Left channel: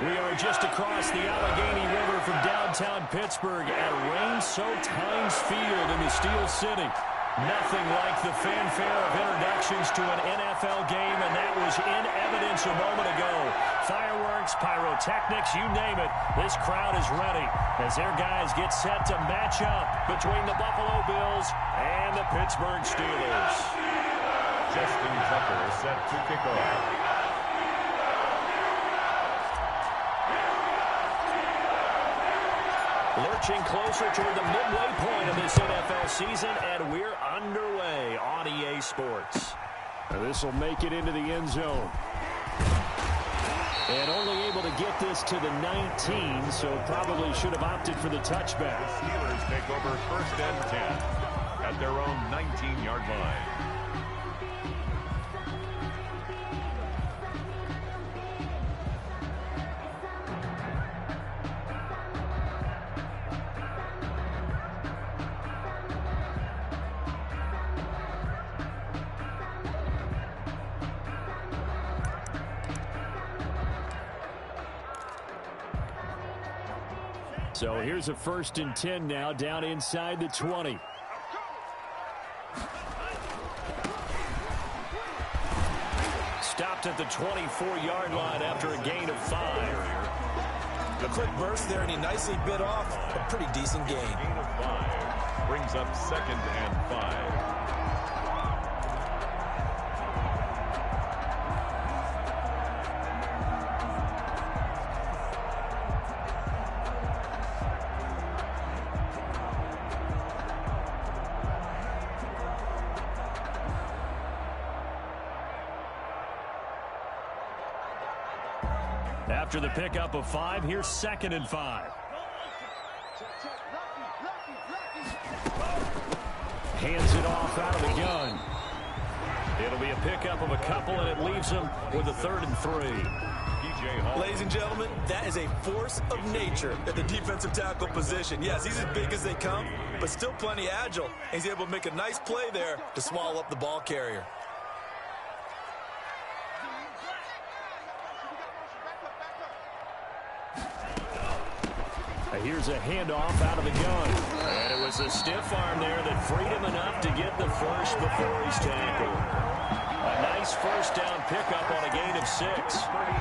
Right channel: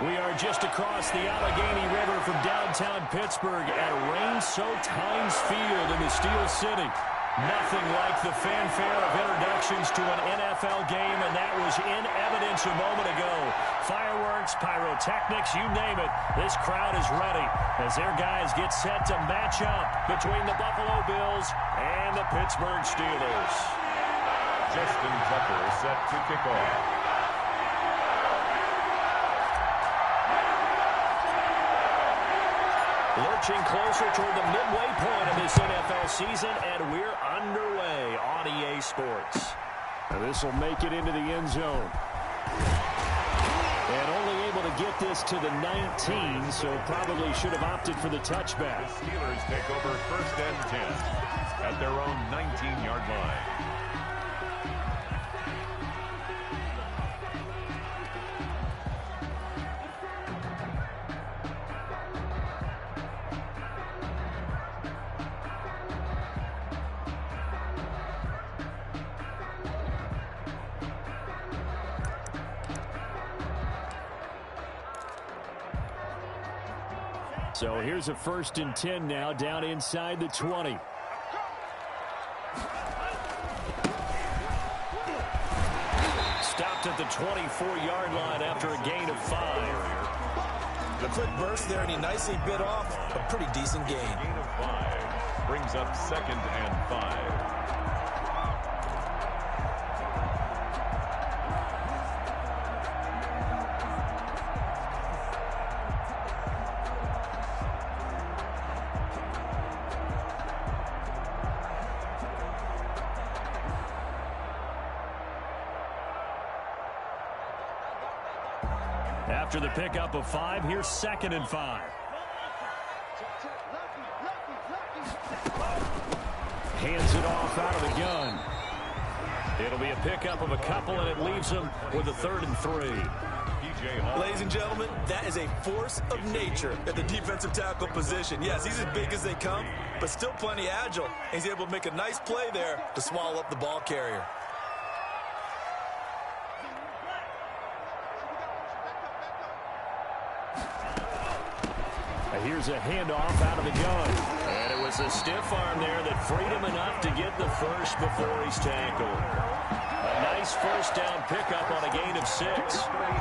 We are just across the Allegheny River from downtown Pittsburgh at rain-soaked Heinz Field in the Steel City. Nothing like the fanfare of introductions to an NFL game, and that was in evidence a moment ago. Fireworks, pyrotechnics, you name it. This crowd is ready as their guys get set to match up between the Buffalo Bills and the Pittsburgh Steelers. Justin Tucker is set to kick off. Lurching closer toward the midway point of this NFL season, and we're underway on EA Sports. And this will make it into the end zone. And only able to get this to the 19, so probably should have opted for the touchback. The Steelers take over 1st and 10 at their own 19-yard line. So here's a 1st and 10 now, down inside the 20. Stopped at the 24-yard line after a gain of 5. A quick burst there, and he nicely bit off a pretty decent gain. Gain of 5 brings up 2nd and 5. After the pickup of 5, here's 2nd and 5. Hands it off out of the gun. It'll be a pickup of a couple, and it leaves him with a 3rd and 3. Ladies and gentlemen, that is a force of nature at the defensive tackle position. Yes, he's as big as they come, but still plenty agile. He's able to make a nice play there to swallow up the ball carrier. Here's a handoff out of the gun. And it was a stiff arm there that freed him enough to get the first before he's tackled. A nice 1st down pickup on a gain of 6.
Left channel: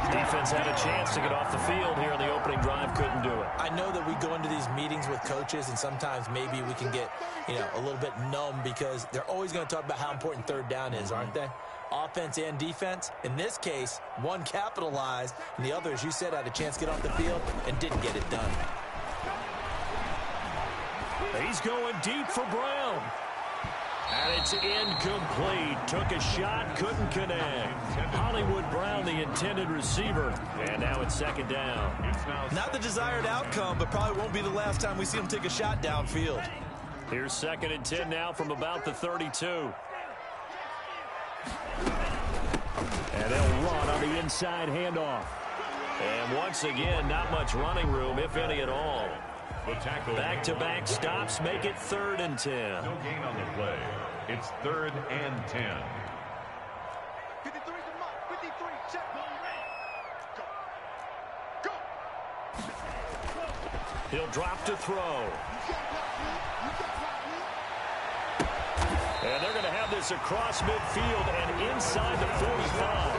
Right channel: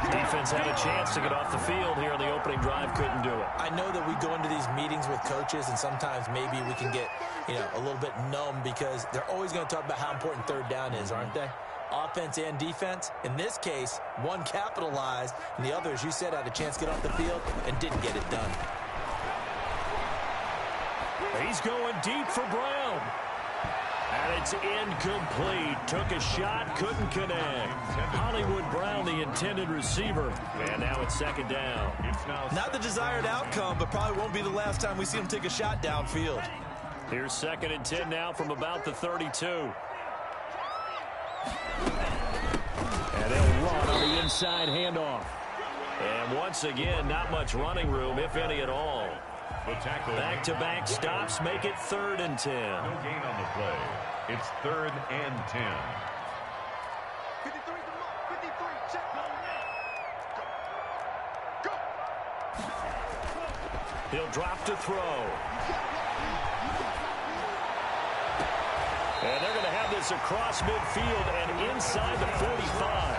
Defense had a chance to get off the field here on the opening drive, couldn't do it. I know that we go into these meetings with coaches, and sometimes maybe we can get, a little bit numb because they're always going to talk about how important 3rd down is, aren't they? Offense and defense. In this case, one capitalized, and the other, as you said, had a chance to get off the field and didn't get it done. He's going deep for Brown. And it's incomplete. Took a shot, couldn't connect. Hollywood Brown, the intended receiver. And now it's 2nd down. Not the desired outcome, but probably won't be the last time we see him take a shot downfield. Here's 2nd and 10 now from about the 32. And they'll run on the inside handoff. And once again, not much running room, if any at all. Back-to-back stops make it 3rd and 10. No gain on the play. It's 3rd and 10. 53 to Mike. 53. Check. Go. He'll drop to throw. And they're going to have this across midfield and inside the 45.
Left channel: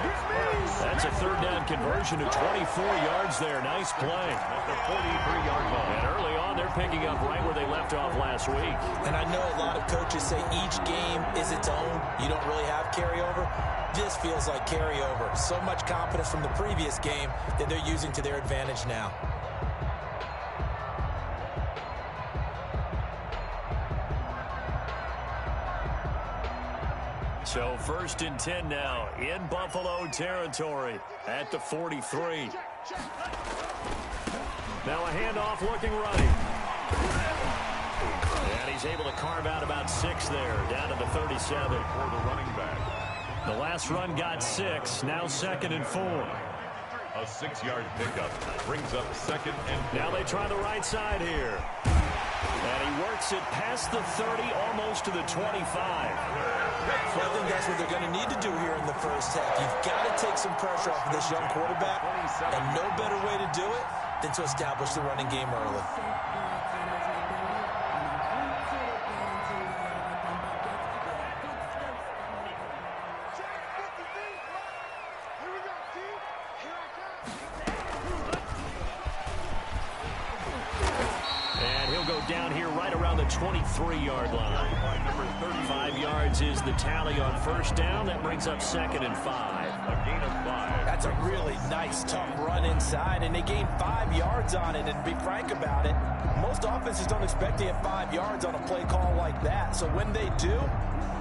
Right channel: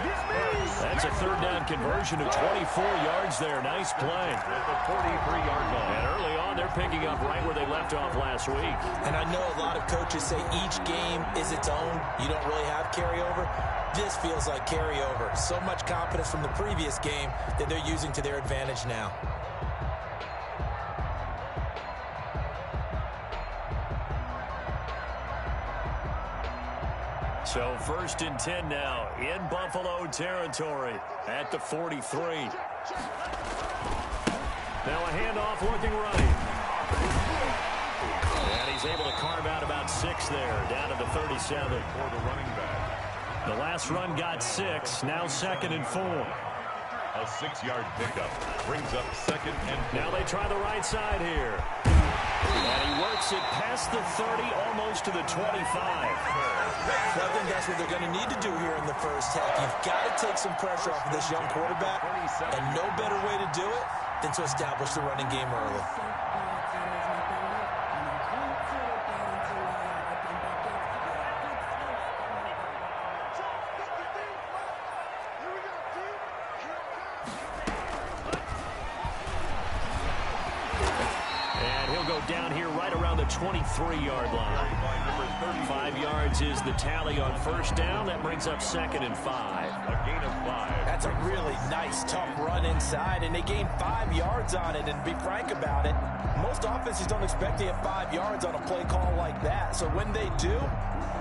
That's a 3rd down conversion of 24 yards there. Nice play. At the 43-yard line. And early on, they're picking up right where they left off last week. And I know a lot of coaches say each game is its own. You don't really have carryover. This feels like carryover. So much confidence from the previous game that they're using to their advantage now. So 1st and 10 now in Buffalo territory at the 43. Now a handoff looking right. And he's able to carve out about 6 there, down to the 37. For the running back. The last run got 6, now 2nd and 4. A 6-yard pickup brings up 2nd and 4. Now they try the right side here. And he works it past the 30, almost to the 25. Well, I think that's what they're going to need to do here in the first half. You've got to take some pressure off of this young quarterback, and no better way to do it than to establish the running game early. Down here right around the 23-yard line. 5 yards is the tally on first down. That brings up 2nd and 5. A gain of 5. That's a really nice, tough run inside, and they gained 5 yards on it. And to be frank about it, most offenses don't expect to get 5 yards on a play call like that. So when they do,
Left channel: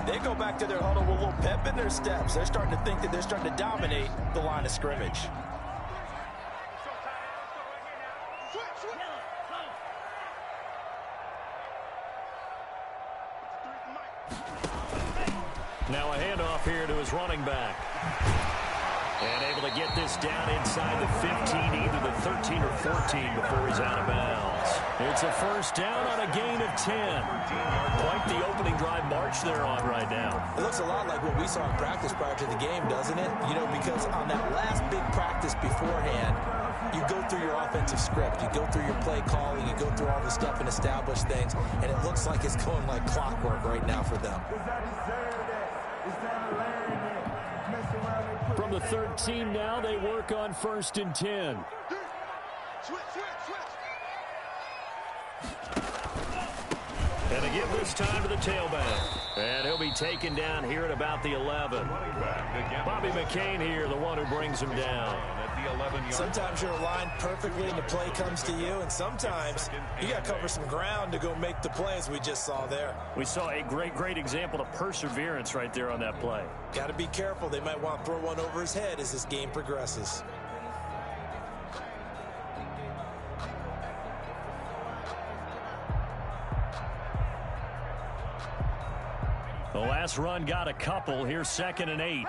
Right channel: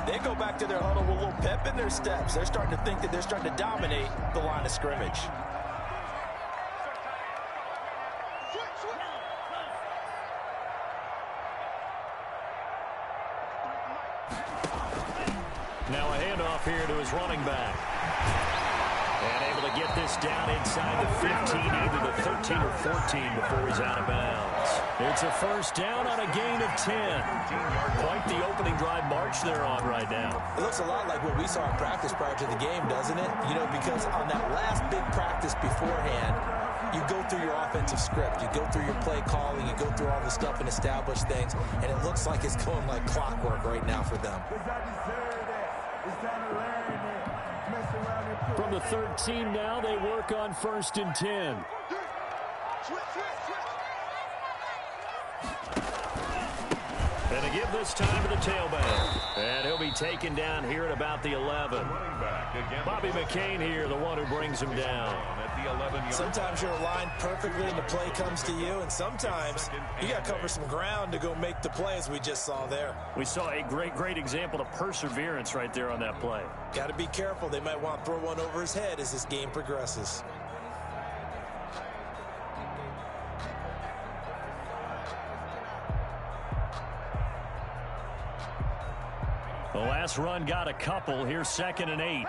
they go back to their huddle with a little pep in their steps. They're starting to think that they're starting to dominate the line of scrimmage. Now a handoff here to his running back. And able to get this down inside the 15, either the 13 or 14 before he's out of bounds. It's a first down on a gain of 10. Quite the opening drive march they're on right now. It looks a lot like what we saw in practice prior to the game, doesn't it? You know, because on that last big practice beforehand, you go through your offensive script. You go through your play calling. You go through all the stuff and establish things. And it looks like it's going like clockwork right now for them. From the 13 now, they work on 1st and 10. And they give this time to the tailback. And he'll be taken down here at about the 11. Bobby McCain here, the one who brings him down. At the 11-yard. Sometimes you're aligned perfectly and the play comes to you, and sometimes you got to cover some ground to go make the play, as we just saw there. We saw a great example of perseverance right there on that play. Got to be careful. They might want to throw one over his head as this game progresses. The last run got a couple. Here's 2nd and 8.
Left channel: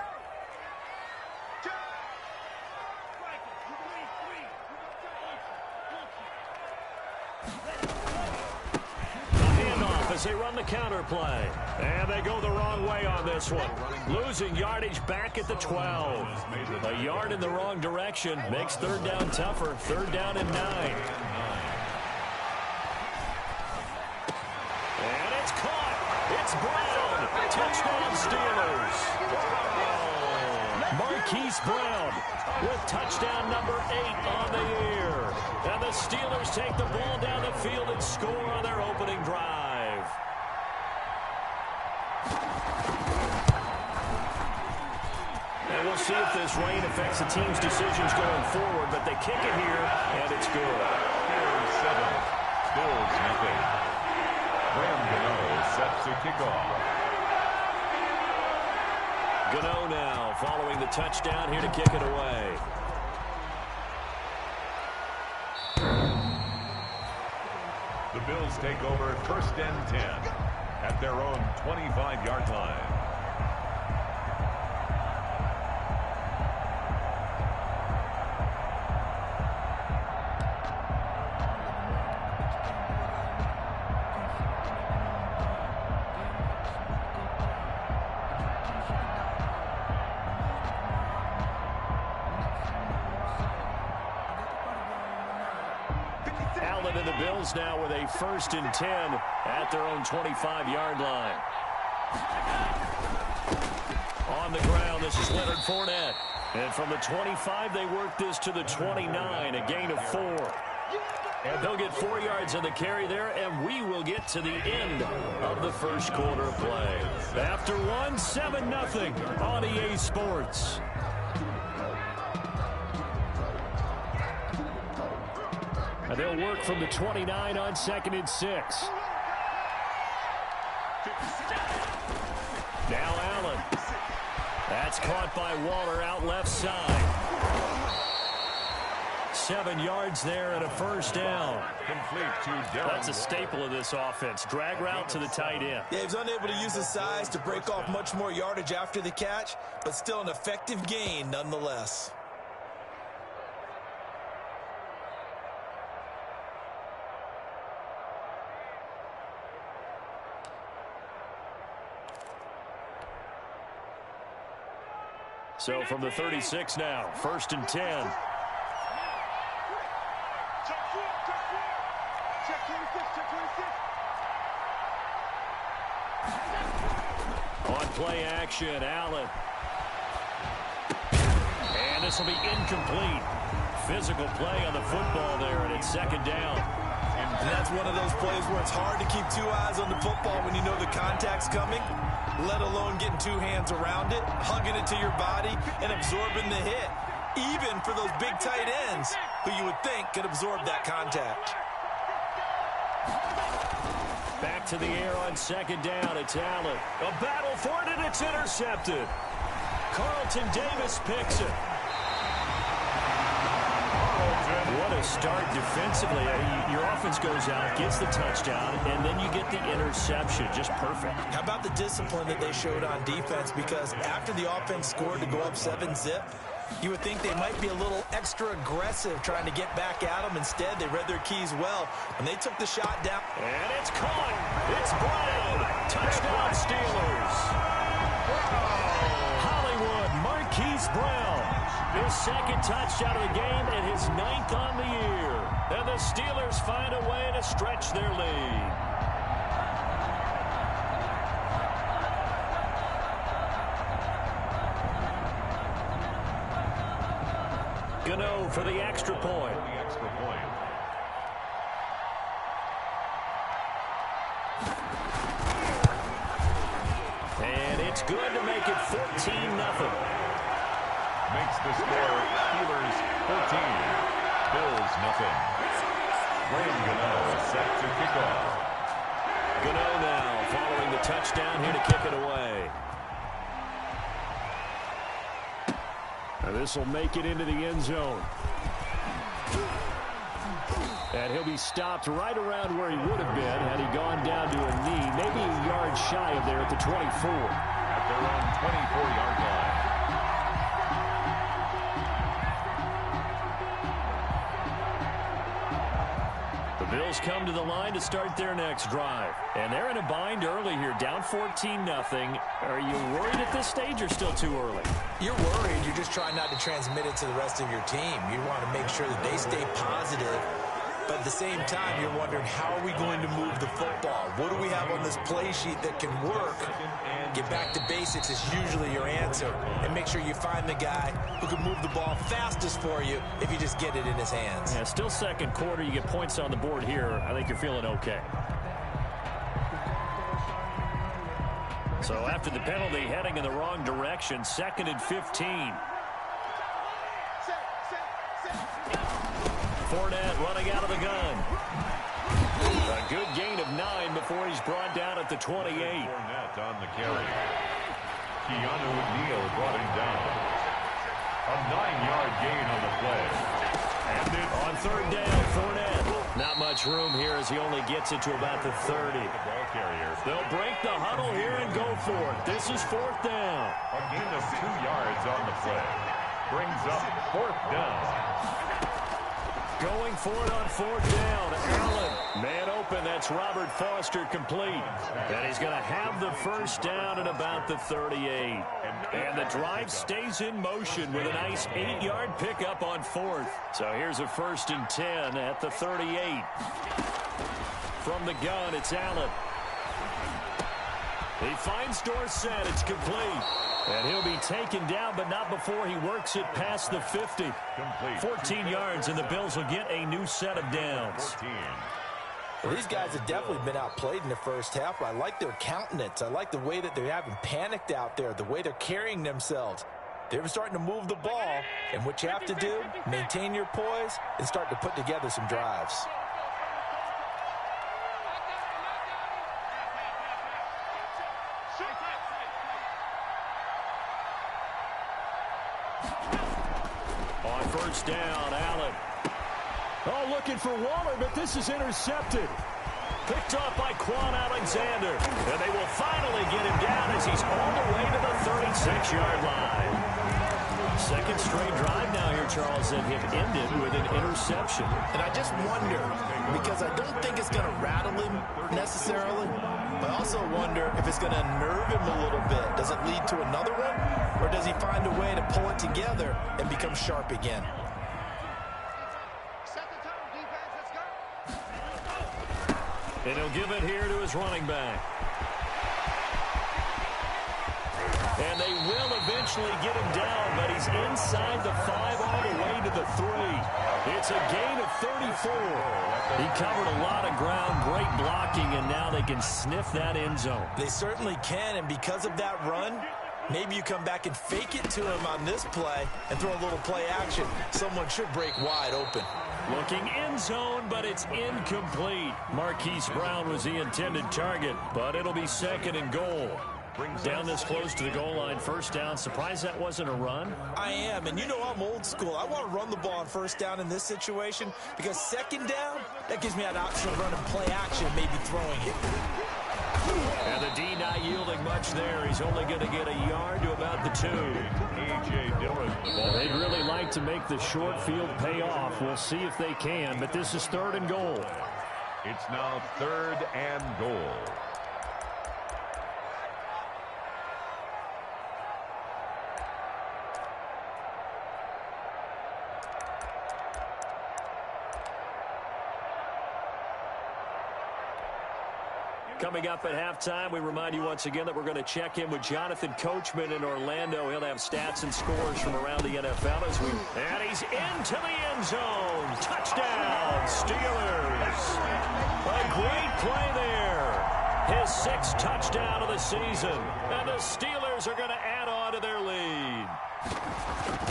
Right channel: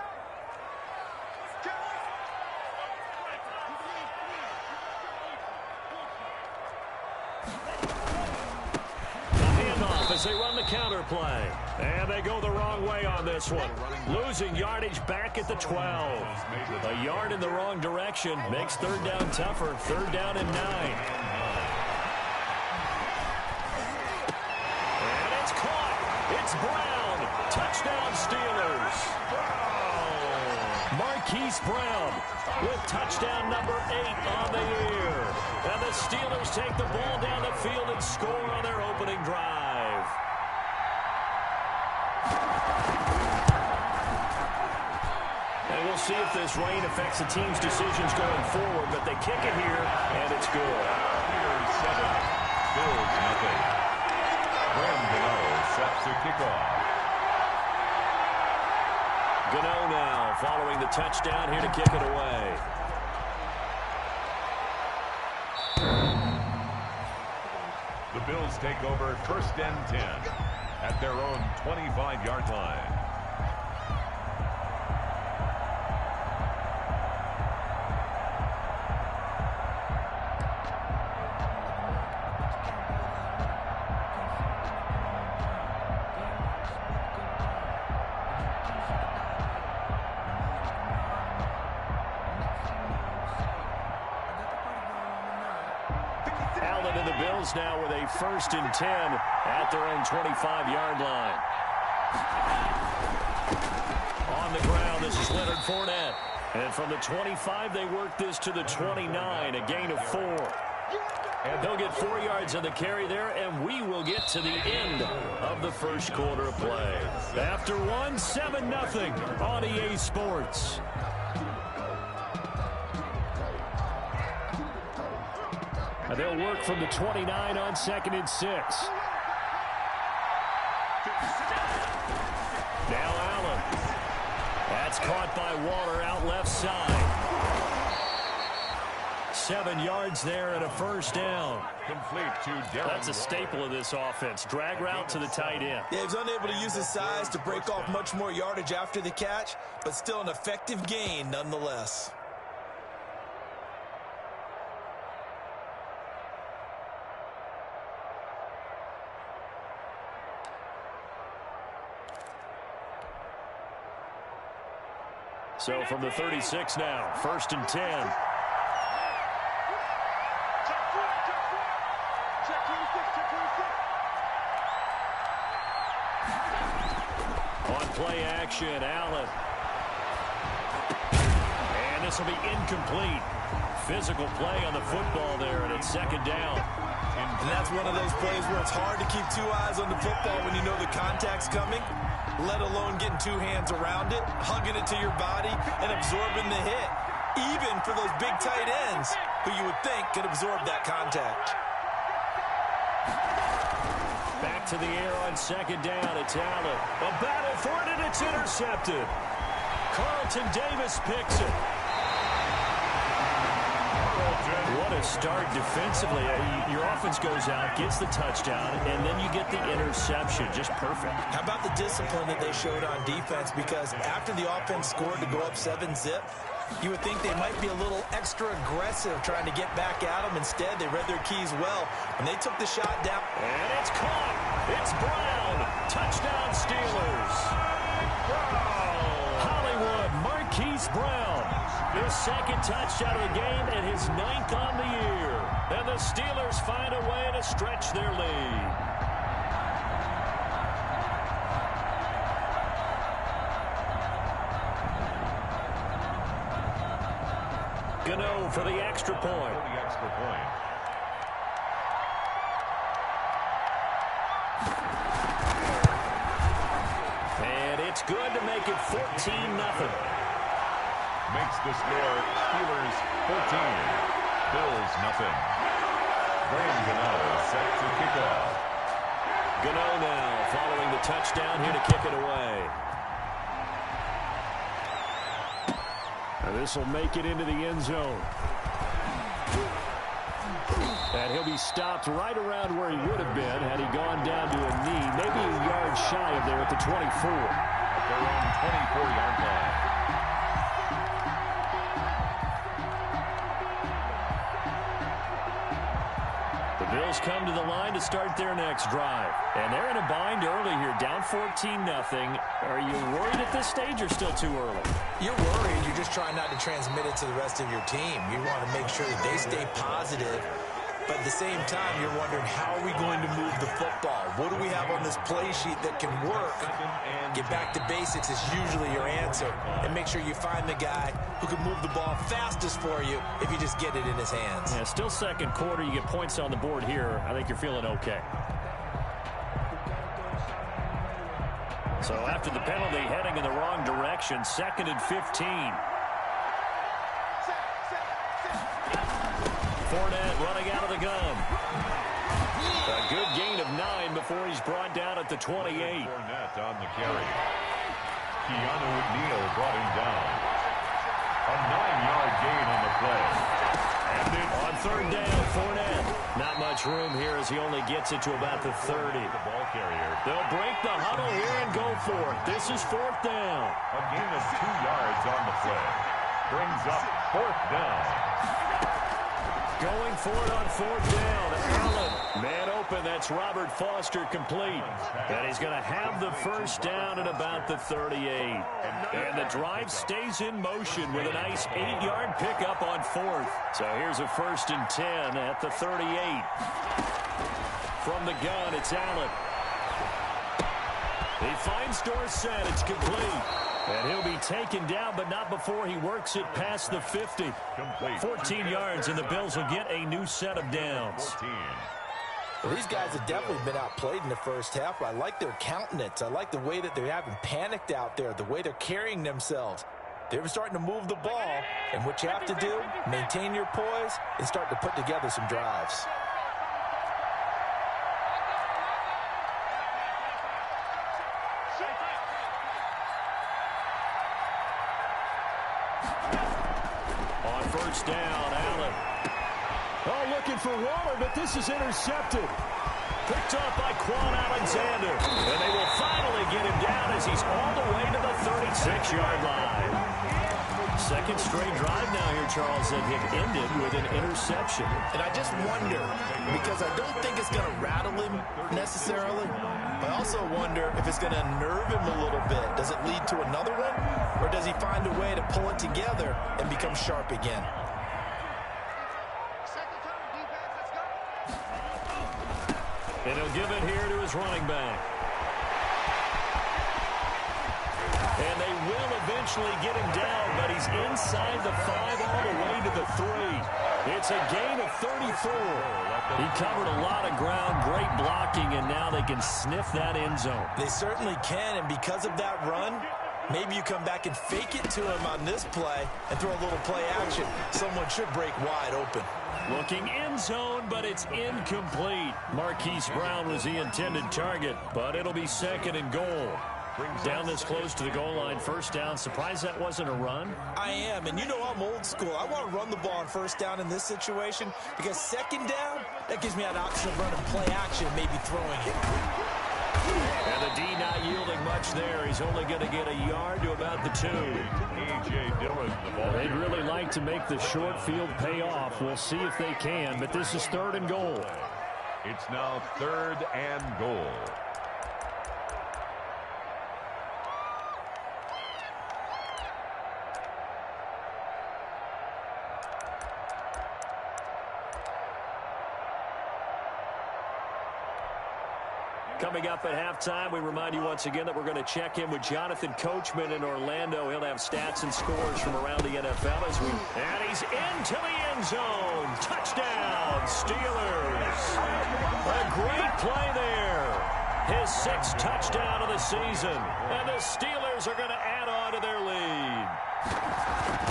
The handoff as they run the counter play. And they go the wrong way on this one. Losing yardage back at the 12. A yard in the wrong direction makes 3rd down tougher. 3rd down and 9. And it's caught. It's Brown. Touchdown Steelers. Marquise Brown with touchdown number 8 on the year. And the Steelers take the ball down the field and score on their opening drive. And we'll see if this rain affects the team's decisions going forward, but they kick it here, and it's good. Here's 7. Bills nothing. Graham Gano sets to kick off. Gano now following the touchdown here to kick it away. The Bills take over 1st and 10 at their own 25-yard line. Allen and the Bills now with a 1st and 10 at their own 25-yard line. On the ground, this is Leonard Fournette. And from the 25, they work this to the 29, a gain of 4. And they'll get 4 yards on the carry there, and we will get to the end of the first quarter of play. After 1, 7-0 on EA Sports. And they'll work from the 29 on 2nd and 6. Now Allen. That's caught by Waller out left side. 7 yards there and a first down. Complete to Darren. That's a staple of this offense. Drag route to the tight end. Yeah, he was unable to use his size to break off much more yardage after the catch, but still an effective gain nonetheless. So from the 36 now, 1st and 10. Check 26, check 26. On play action, Allen. And this will be incomplete. Physical play on the football there, and it's 2nd down. And that's one of those plays where it's hard to keep 2 eyes on the football when you know the contact's coming, let alone getting 2 hands around it, hugging it to your body, and absorbing the hit, even for those big tight ends who you would think could absorb that contact. Back to the air on 2nd down. It's Allen. A battle for it, and it's intercepted. Carlton Davis picks it. What a start defensively. Your offense goes out, gets the touchdown, and then you get the interception. Just perfect. How about the discipline that they showed on defense? Because after the offense scored to go up 7-zip, you would think they might be a little extra aggressive trying to get back at them. Instead, they read their keys well when they took the shot down. And it's caught. It's Brown. Touchdown Steelers. Hollywood Marquise Brown. His 2nd touchdown of the game and his 9th on the year. And the Steelers find a way to stretch their lead. Gano for the extra point. And it's good to make it 14-0. Makes the score Steelers 14, Bills nothing. Graham Gano set to kick off. Gano now following the touchdown here to kick it away. And this will make it into the end zone. And he'll be stopped right around where he would have been had he gone down to a knee, maybe a yard shy of there at the 24. At their own 24-yard line. The Bills come to the line to start their next drive. And they're in a bind early here, down 14-0. Are you worried at this stage or still too early? You're worried. You're just trying not to transmit it to the rest of your team. You want to make sure that they stay positive. But at the same time, you're wondering, how are we going to move the football? What do we have on this play sheet that can work? Get back to basics is usually your answer. And make sure you find the guy who can move the ball fastest for you if you just get it in his hands. Yeah, still 2nd quarter. You get points on the board here. I think you're feeling okay. So after the penalty, heading in the wrong direction, 2nd and 15. Fournette running out of the gun. A good gain of 9 before he's brought down at the 28. Fournette on the carry. Keanu Neal brought him down. A 9-yard gain on the play. And it on 3rd down, Fournette. Not much room here as he only gets it to about the 30. The ball carrier. They'll break the huddle here and go for it. This is 4th down. A gain of 2 yards on the play. Brings up 4th down. Going for it on 4th down. Allen, man open. That's Robert Foster complete. And he's going to have the 1st down at about the 38. And the drive stays in motion with a nice 8-yard pickup on 4th. So here's a 1st and 10 at the 38. From the gun, it's Allen. He finds Dorsett. It's complete. And he'll be taken down, but not before he works it past the 50. Complete. 14 yards, and the Bills will get a new set of downs. 14. Well, these guys have definitely been outplayed in the first half, but I like their countenance. I like the way that they haven't panicked out there, the way they're carrying themselves. They're starting to move the ball, and what you have to do, maintain your poise and start to put together some drives. On 1st down, Allen. Oh, looking for Waller, but this is intercepted. Picked up by Quan Alexander. And they will finally get him down as he's all the way to the 36-yard line. 2nd straight drive now here, Charles, that have ended with an interception. And I just wonder, because I don't think it's going to rattle him necessarily, I also wonder if it's going to nerve him a little bit. Does it lead to another one? Or does he find a way to pull it together and become sharp again? Set the tone, defense. Let's go. And he'll give it here to his running back. And they will eventually get him down, but he's inside the 5 all the way to the 3. It's a gain of 34. He covered a lot of ground, great blocking, and now they can sniff that end zone. They certainly can, and because of that run, maybe you come back and fake it to him on this play and throw a little play action. Someone should break wide open. Looking end zone, but it's incomplete. Marquise Brown was the intended target, but it'll be 2nd and goal. Down this close to the goal line, 1st down. Surprised that wasn't a run? I am, and you know I'm old school. I want to run the ball on 1st down in this situation because 2nd down, that gives me an option of running play action, maybe throwing it. And the D not yielding much there. He's only going to get a yard to about the 2. A.J. Dillon, the ball. They'd really like to make the short field pay off. We'll see if they can, but this is 3rd and goal. It's now 3rd and goal. Coming up at halftime, we remind you once again that we're going to check in with Jonathan Coachman in Orlando. He'll have stats and scores from around the NFL and he's into the end zone. Touchdown, Steelers. A great play there. His 6th touchdown of the season. And the Steelers are going to add on to their lead.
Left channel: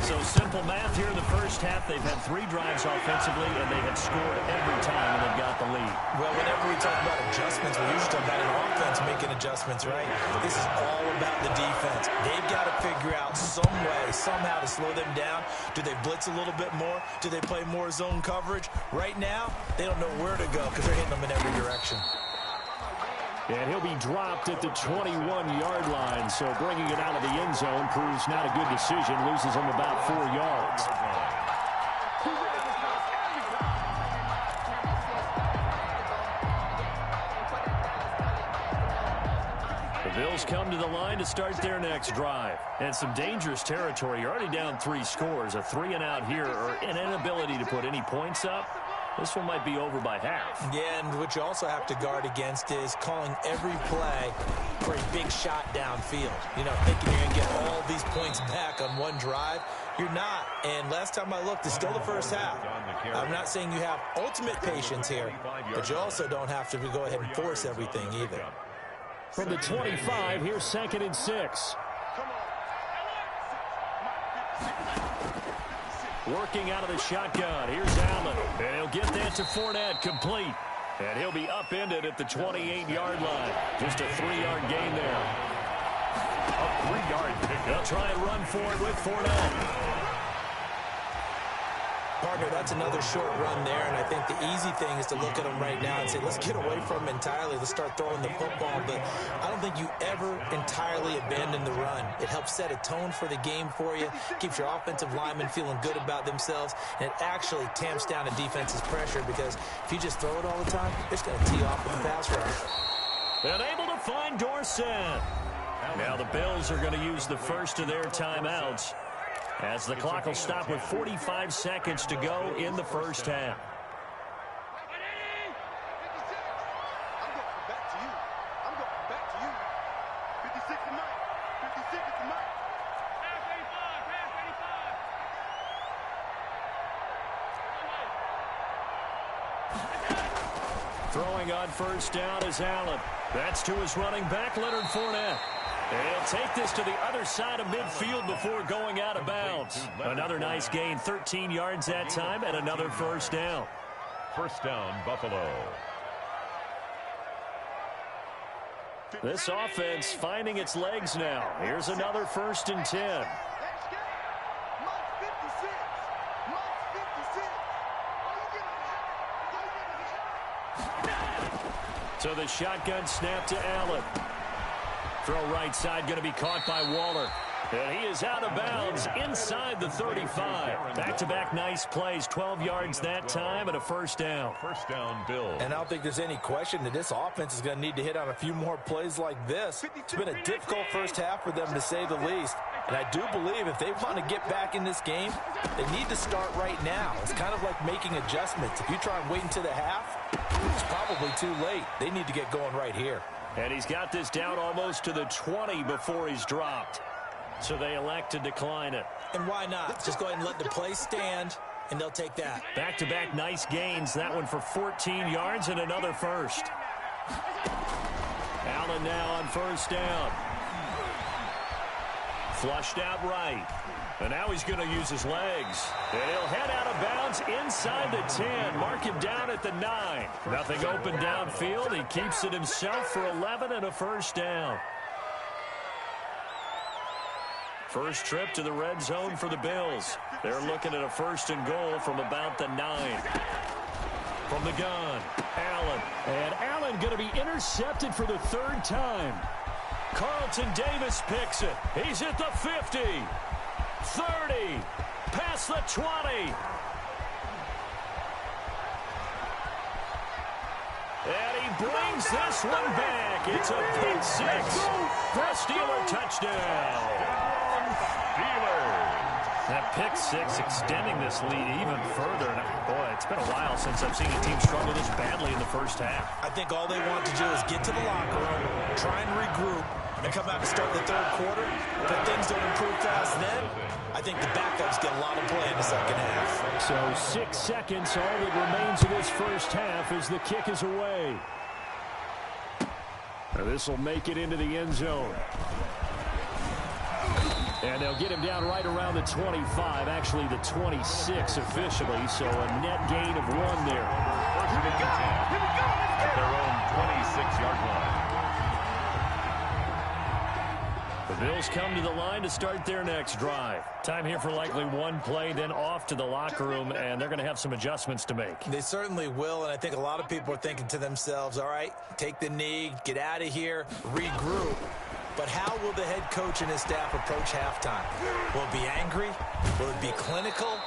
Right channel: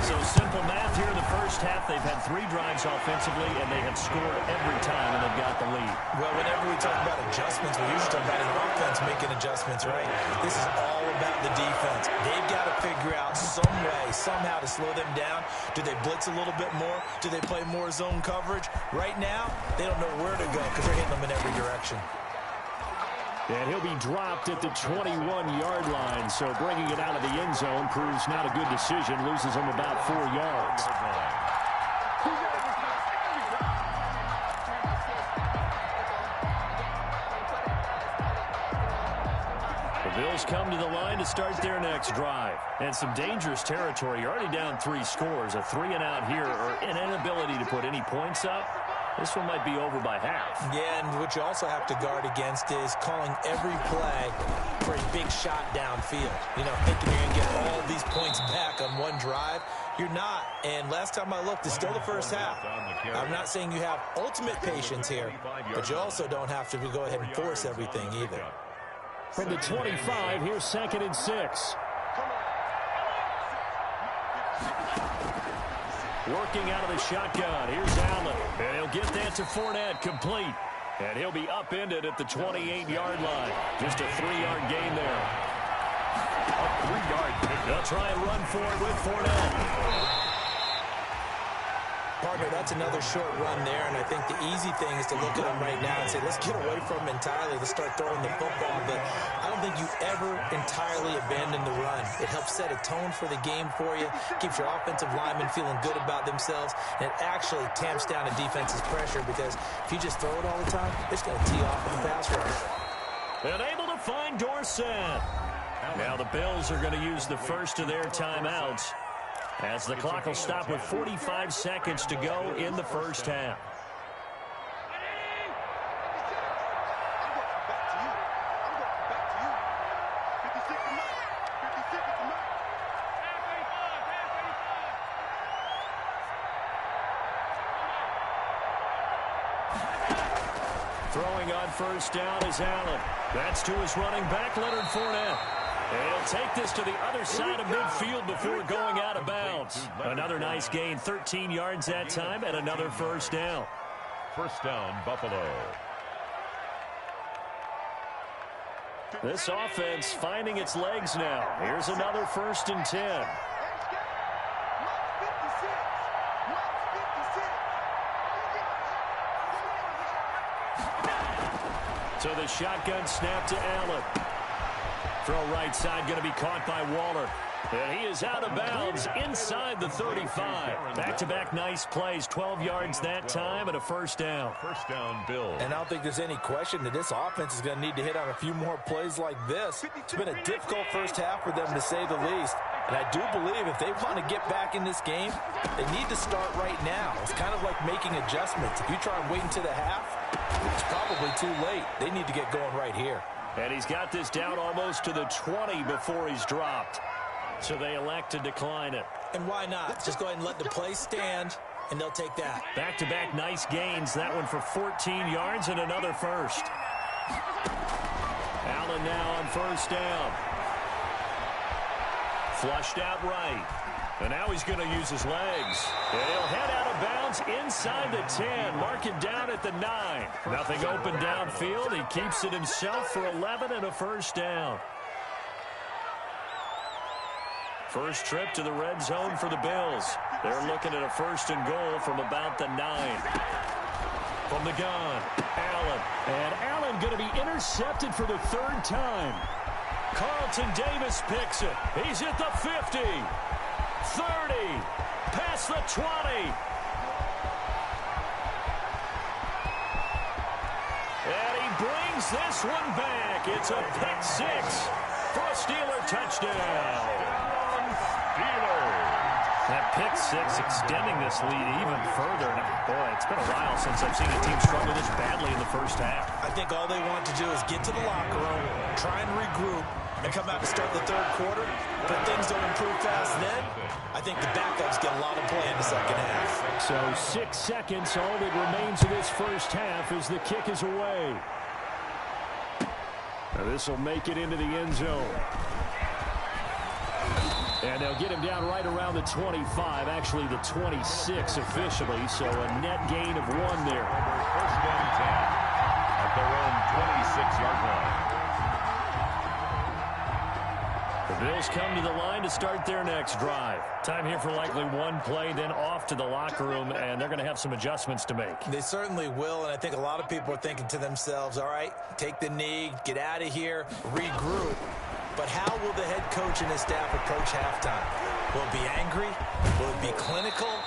So simple math here in the 1st half. They've had 3 drives offensively, and they have scored every time, and they've got the lead. Well, whenever we talk about adjustments, we usually talk about an offense making adjustments, right? This is all about the defense. They've got to figure out some way, somehow to slow them down. Do they blitz a little bit more? Do they play more zone coverage? Right now, they don't know where to go because they're hitting them in every direction. And he'll be dropped at the 21-yard line, so bringing it out of the end zone proves not a good decision. Loses him about 4 yards. The Bills come to the line to start their next drive. And some dangerous territory. You're already down 3 scores. A 3-and-out here, or an inability to put any points up. This one might be over by half. Yeah, and what you also have to guard against is calling every play for a big shot downfield. You know, thinking you're going to get all these points back on one drive. You're not. And last time I looked, it's still the 1st half. I'm not saying you have ultimate patience here, but you also don't have to go ahead and force everything either. From the 25, here's 2nd and 6. Working out of the shotgun. Here's Allen. And he'll get that to Fournette, complete. And he'll be upended at the 28-yard line. Just a 3-yard gain there. A 3-yard pick. They'll try and run for it with Fournette. Partner, that's another short run there, and I think the easy thing is to look at them right now and say, let's get away from them entirely. Let's start throwing the football, but I don't think you ever entirely abandon the run. It helps set a tone for the game for you, keeps your offensive linemen feeling good about themselves, and it actually tamps down a defense's pressure because if you just throw it all the time, it's going to tee off with the pass rush. And able to find Dorsett. Now the Bills are going to use the first of their timeouts, as the clock will stop with 45 seconds to go in the 1st half. I'm going back to you. I'm going back to you. 56 to Mike. 56 to Mike. Pass 85. Throwing on 1st down is Allen. That's to his running back, Leonard Fournette. And he'll take this to the other side of midfield before going out of bounds. Another nice gain, 13 yards that time, and another 1st down. 1st down, Buffalo. This offense finding its legs now. Here's another 1st and 10. Mike's 56. Mike's 56. So the shotgun snap to Allen. Throw right side going to be caught by Waller. And he is out of bounds inside the 35. Back-to-back nice plays, 12 yards that time and a first down. First down, Bills. And I don't think there's any question that this offense is going to need to hit on a few more plays like this. It's been a difficult first half for them, to say the least. And I do believe if they want to get back in this game, they need to start right now. It's kind of like making adjustments. If you try and wait until the half, it's probably too late. They need to get going right here. And he's got this down almost to the 20 before he's dropped. So they elect to decline it. And why not? Just go ahead and let the play stand, and they'll take that. Back-to-back nice gains. That one for 14 yards and another first. Allen now on first down. Flushed out right. And now he's going to use his legs. And he'll head out of bounds inside the 10. Mark him down at the 9. Nothing open downfield. He keeps it himself for 11 and a first down. First trip to the red zone for the Bills. They're looking at a first and goal from about the 9. From the gun, Allen. And Allen going to be intercepted for the third time. Carlton Davis picks it. He's at the 50. 30. Past the 20. And he brings this one back. It's a pick six for a Steeler touchdown. That pick six extending this lead even further. And boy, it's been a while since I've seen a team struggle this badly in the first half. I think all they want to do is get to the locker room, try and regroup, and come out to start the third quarter. But if things don't improve fast then, I think the backups get a lot of play in the second half. So 6 seconds, all that remains of this first half as the kick is away. Now this will make it into the end zone. And they'll get him down right around the 25, actually the 26 officially, so a net gain of 1 there. First and 10 at their own 26-yard line. The Bills come to the line to start their next drive. Time here for likely one play, then off to the locker room, and they're going to have some adjustments to make. They certainly will, and I think a lot of people are thinking to themselves, all right, take the knee, get out of here, regroup. But how will the head coach and his staff approach halftime? Will it be angry? Will it be clinical?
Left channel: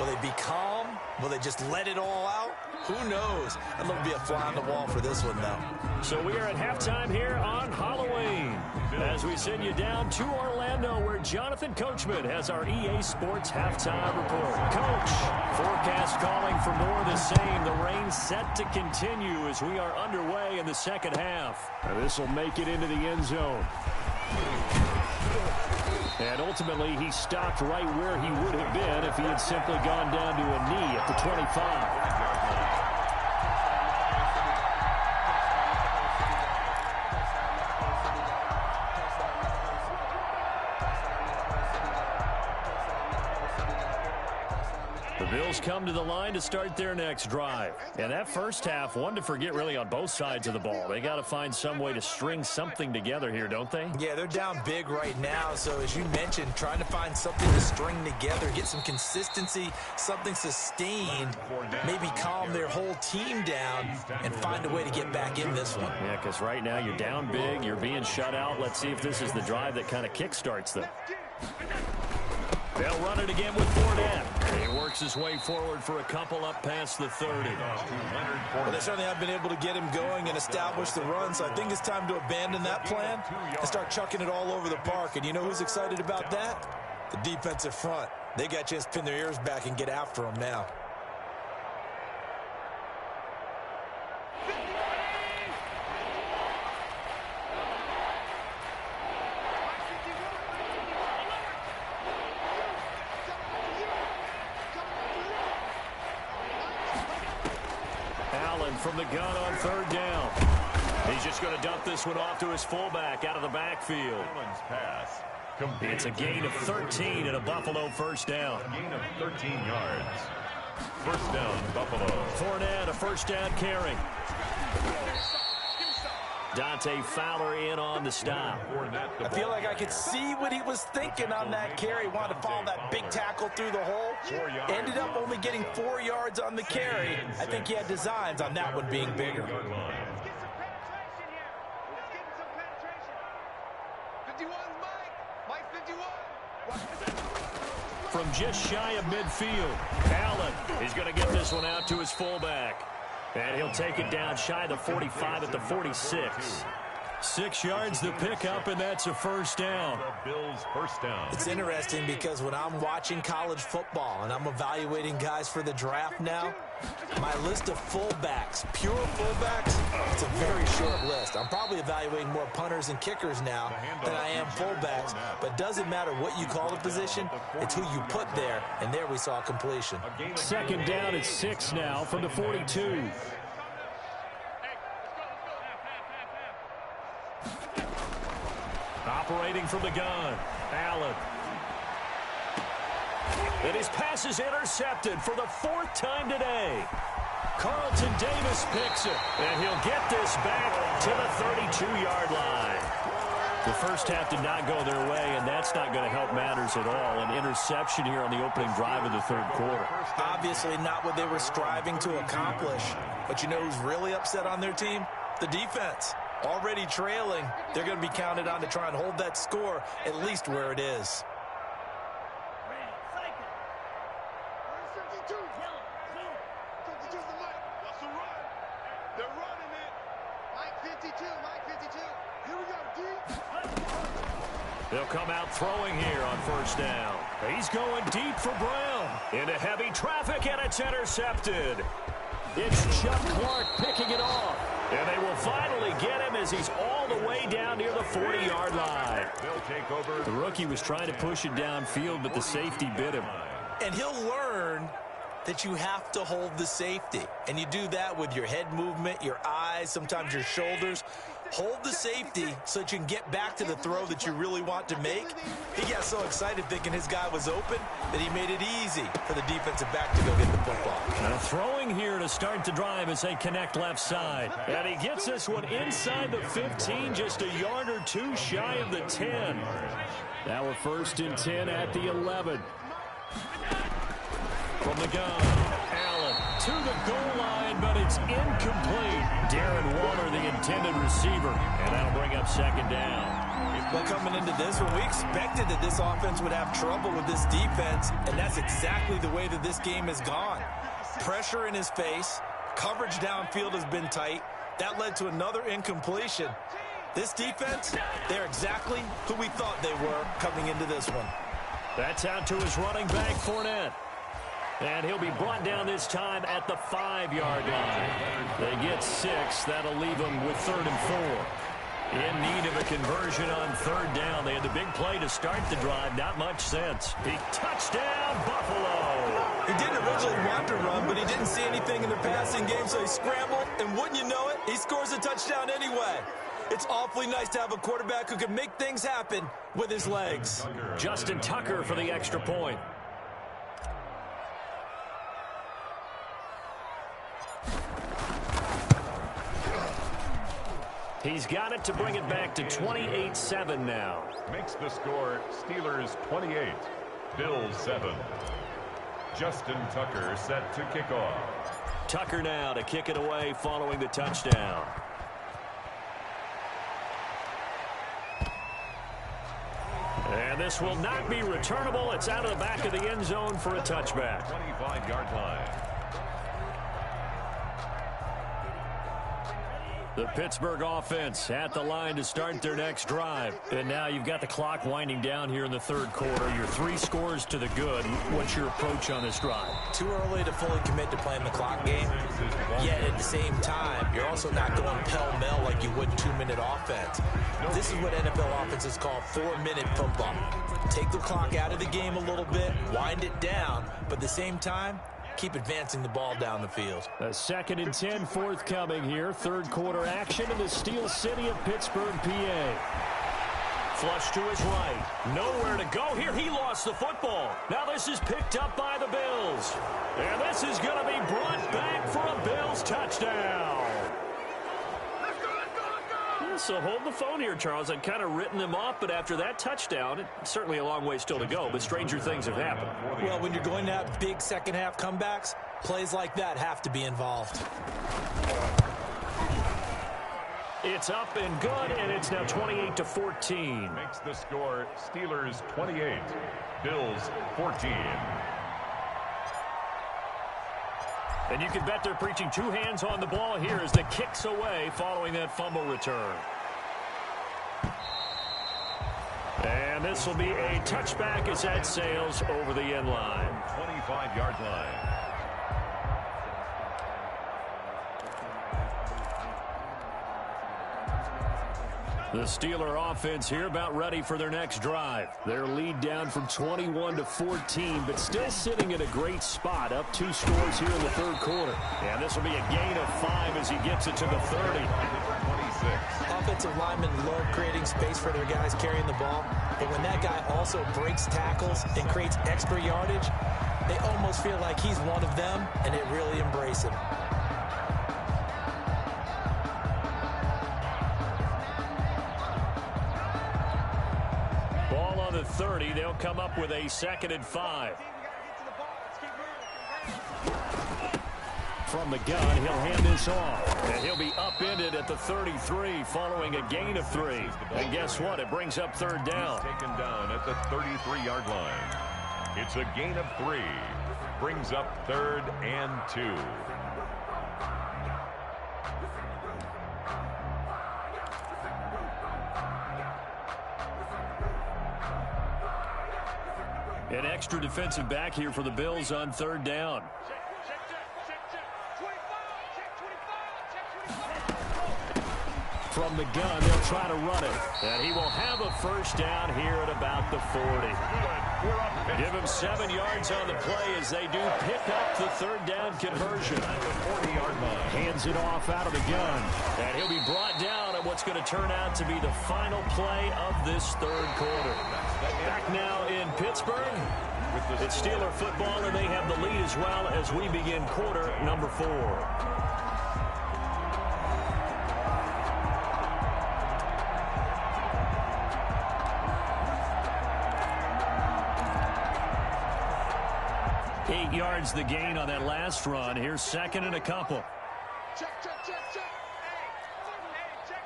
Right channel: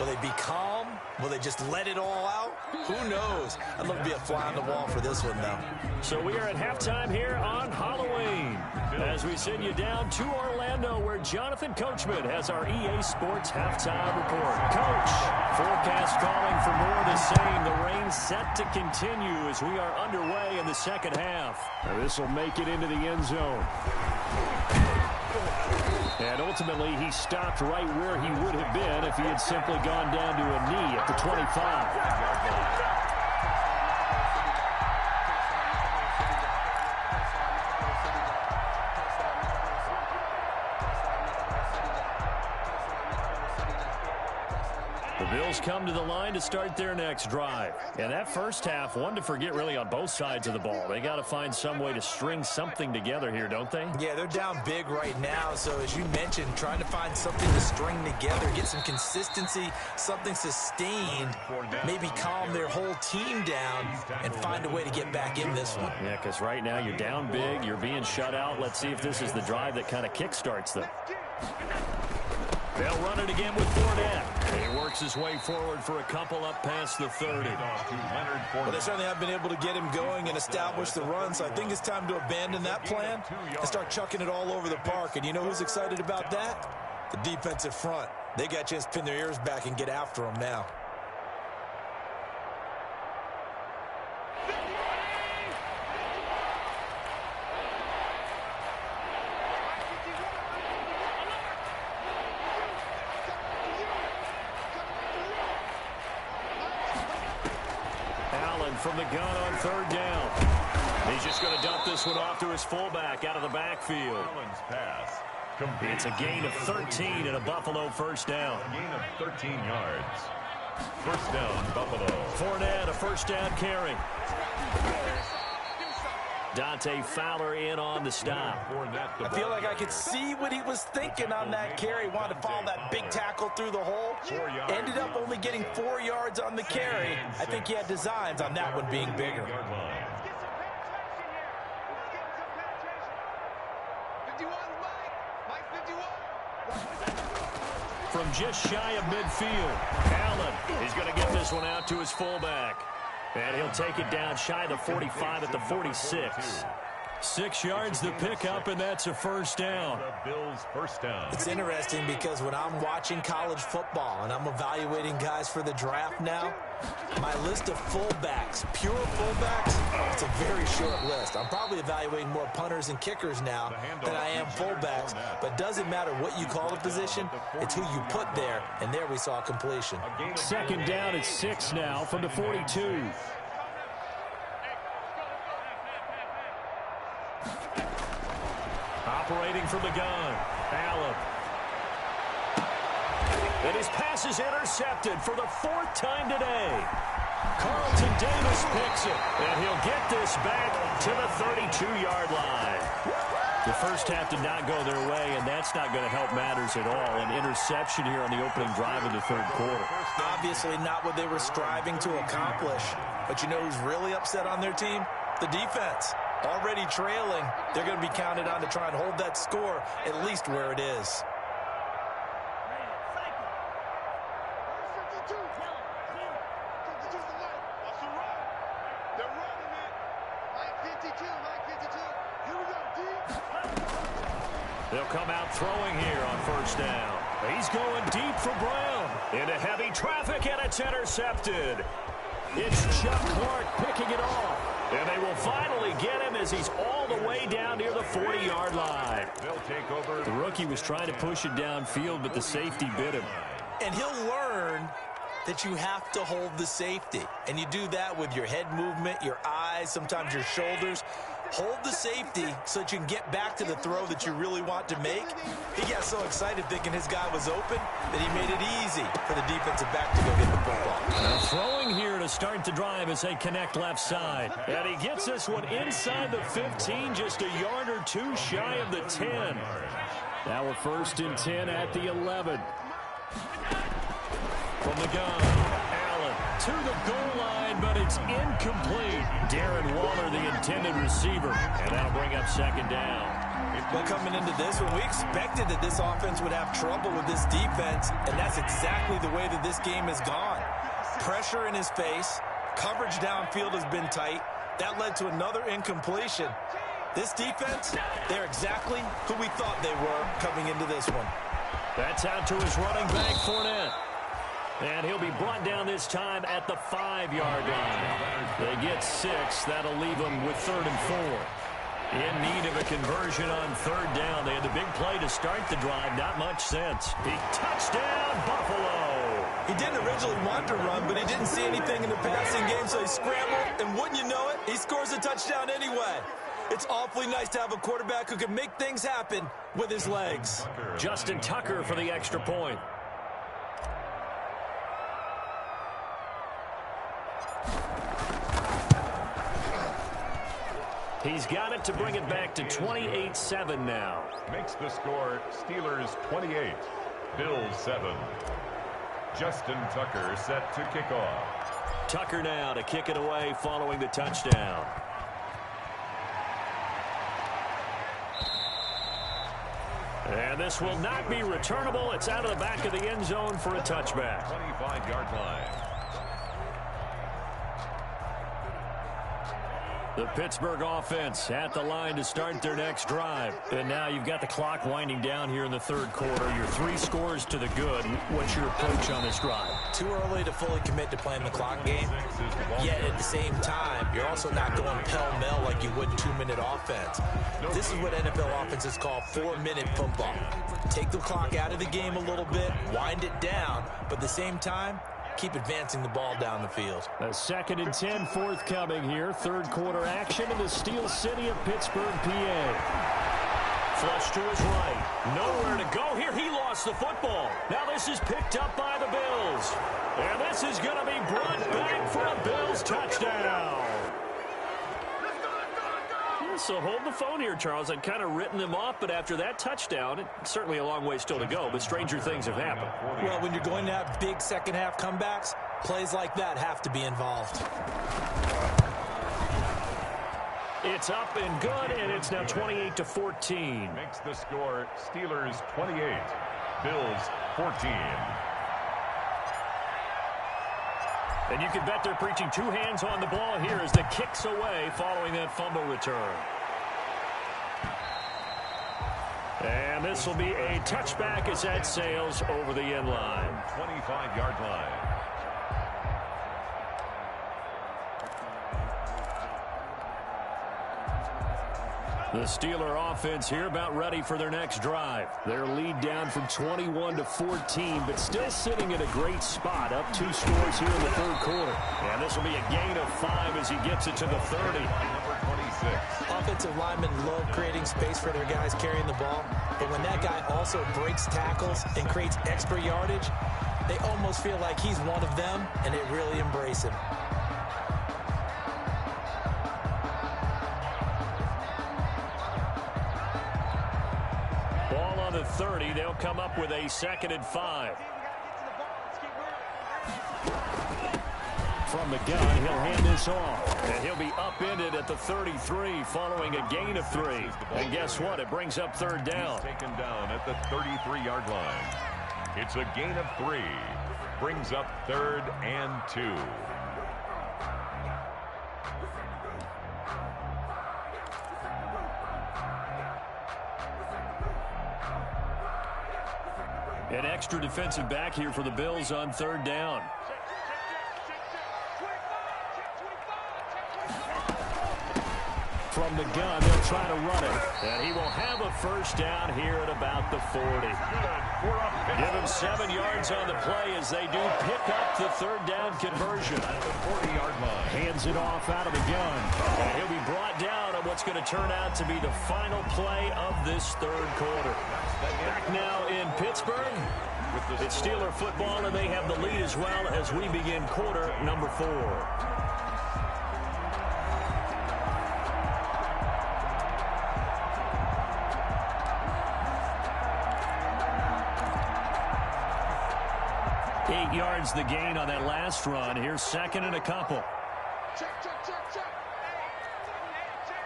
Will they be calm? Will they just let it all out? Who knows? I'd love to be a fly on the wall for this one, though. So we are at halftime here on Halloween as we send you down to Orlando where Jonathan Coachman has our EA Sports halftime report. Coach, forecast calling for more of the same. The rain set to continue as we are underway in the second half. Now this will make it into the end zone. And ultimately, he stopped right where he would have been if he had simply gone down to a knee at the 25. The Bills come to the line to start their next drive. And that first half, one to forget really on both sides of the ball. They got to find some way to string something together here, don't they? Yeah, they're down big right now. So as you mentioned, trying to find something to string together, get some consistency, something sustained, maybe calm their whole team down and find a way to get back in this one. Yeah, because right now you're down big, you're being shut out. Let's see if this is the drive that kind of kickstarts them. They'll run it again with Fournette. He works his way forward for a couple up past the 30. Well, they certainly have been able to get him going and establish the run, so I think it's time to abandon that plan and start chucking it all over the park. And you know who's excited about that? The defensive front. They got a chance to pin their ears back and get after him now. From the gun on third down. He's just going to dump this one off to his fullback out of the backfield. Pass. It's a gain of 13 and a Buffalo first down. A gain of 13 yards. First down, Buffalo. Fournette, a first down carry. Dante Fowler in on the stop. I feel like I could see what he was thinking on that carry. Wanted to follow that big tackle through the hole. Ended up only getting 4 yards on the carry. I think he had designs on that one being bigger. Let's get some penetration here. Let's get some penetration. 51's Mike. Mike 51. from just shy of midfield. Allen is going to get this one out to his fullback. And he'll take it down shy of the 45 at the 46. 6 yards to pick up, and that's a first down. The Bills' first down. It's interesting because when I'm watching college football and I'm evaluating guys for the draft now, my list of fullbacks, pure fullbacks, it's a very short list. I'm probably evaluating more punters and kickers now than I am fullbacks, but doesn't matter what you call the position, it's who you put there, and there we saw completion. Second down at 6 now from the 42. Operating from the gun, Allen. And his pass is intercepted for the 4th time today. Carlton Davis picks it, and he'll get this back to the 32-yard line. The first half did not go their way, and that's not going to help matters at all. An interception here on the opening drive of the third quarter. Obviously not what they were striving to accomplish. But you know who's really upset on their team? The defense. Already trailing, they're going to be counted on to try and hold that score at least where it is. They'll come out throwing here on first down. He's going deep for Brown. Into heavy traffic, and it's intercepted. It's Chuck Clark picking it off. And they will finally get him as he's all the way down near the 40-yard line. They'll take over. The rookie was trying to push it downfield, but the safety bit him. And he'll learn that you have to hold the safety. And you do that with your head movement, your eyes, sometimes your shoulders. Hold the safety so that you can get back to the throw that you really want to make. He got so excited thinking his guy was open that he made it easy for the defensive back to go get the football. Now throwing here to start the drive as they connect left side. And he gets this one inside the 15, just a yard or two shy of the 10. Now we're 1st and 10 at the 11. From the gun, Allen to the goal line, but it's incomplete. Darren Waller, the intended receiver, and that'll bring up 2nd down. Well, coming into this one, we expected that this offense would have trouble with this defense, and that's exactly the way that this game has gone. Pressure in his face, coverage downfield has been tight. That led to another incompletion. This defense, they're exactly who we thought they were coming into this one. That's out to his running back, Fournette. And he'll be brought down this time at the 5-yard line. They get 6. That'll leave them with 3rd and 4. In need of a conversion on 3rd down. They had the big play to start the drive. Not much sense. Big touchdown, Buffalo. He didn't originally want to run, but he didn't see anything in the passing game, so he scrambled. And wouldn't you know it, he scores a touchdown anyway. It's awfully nice to have a quarterback who can make things happen with his legs. Justin Tucker for the extra point. He's got it to bring it back to 28-7 now. Makes the score Steelers 28, Bills 7. Justin Tucker set to kick off. Tucker now to kick it away following the touchdown. And this will not be returnable. It's out of the back of the end zone for a touchback. 25-yard line. The Pittsburgh offense at the line to start their next drive. And now you've got the clock winding down here in the third quarter. Your 3 scores to the good. What's your approach on this drive? Too early to fully commit to playing the clock game. Yet at the same time, you're also not going pell-mell like you would 2-minute offense. This is what NFL offenses call 4-minute football. Take the clock out of the game a little bit, wind it down, but at the same time, keep advancing the ball down the field. A 2nd and 10 forthcoming here. Third quarter action in the Steel City of Pittsburgh, PA. Flush to his right. Nowhere to go here. He lost the football. Now this is picked up by the Bills. And this is going to be brought back for a Bills touchdown. So hold the phone here, Charles. I'd kind of written them off, but after that touchdown, it's certainly a long way still to go, but stranger things have happened. Well, when you're going to have big second-half comebacks, plays like that have to be involved. It's up and good, and it's now 28-14. Makes the score Steelers 28, Bills 14. And you can bet they're preaching two hands on the ball here as the kick's away following that fumble return. And this will be a touchback as that sails over the end line. 25-yard line. The Steeler offense here about ready for their next drive. Their lead down from 21 to 14, but still sitting at a great spot, up 2 scores here in the third quarter. And this will be a gain of 5 as he gets it to the 30. Number 26. Offensive linemen love creating space for their guys carrying the ball, but when that guy also breaks tackles and creates extra yardage, they almost feel like he's one of them, and they really embrace him. Ball on the 30. They'll come up with a 2nd and 5. From the gun, he'll hand this off. And he'll be upended at the 33 following a gain of 3. And guess what? It brings up 3rd down. Taken down at the 33-yard line. It's a gain of 3. Brings up 3rd and 2. An extra defensive back here for the Bills on 3rd down. From the gun, they'll try to run it. And he will have a 1st down here at about the 40. Give him 7 yards on the play as they do pick up the 3rd down conversion. At the 40-yard line. Hands it off out of the gun. And he'll be brought down on what's going to turn out to be the final play of this 3rd quarter. Back now in Pittsburgh. It's Steeler football, and they have the lead as well as we begin quarter number 4. Eight yards the gain on that last run. Here's 2nd and a couple. Check, check, check, check. Hey, check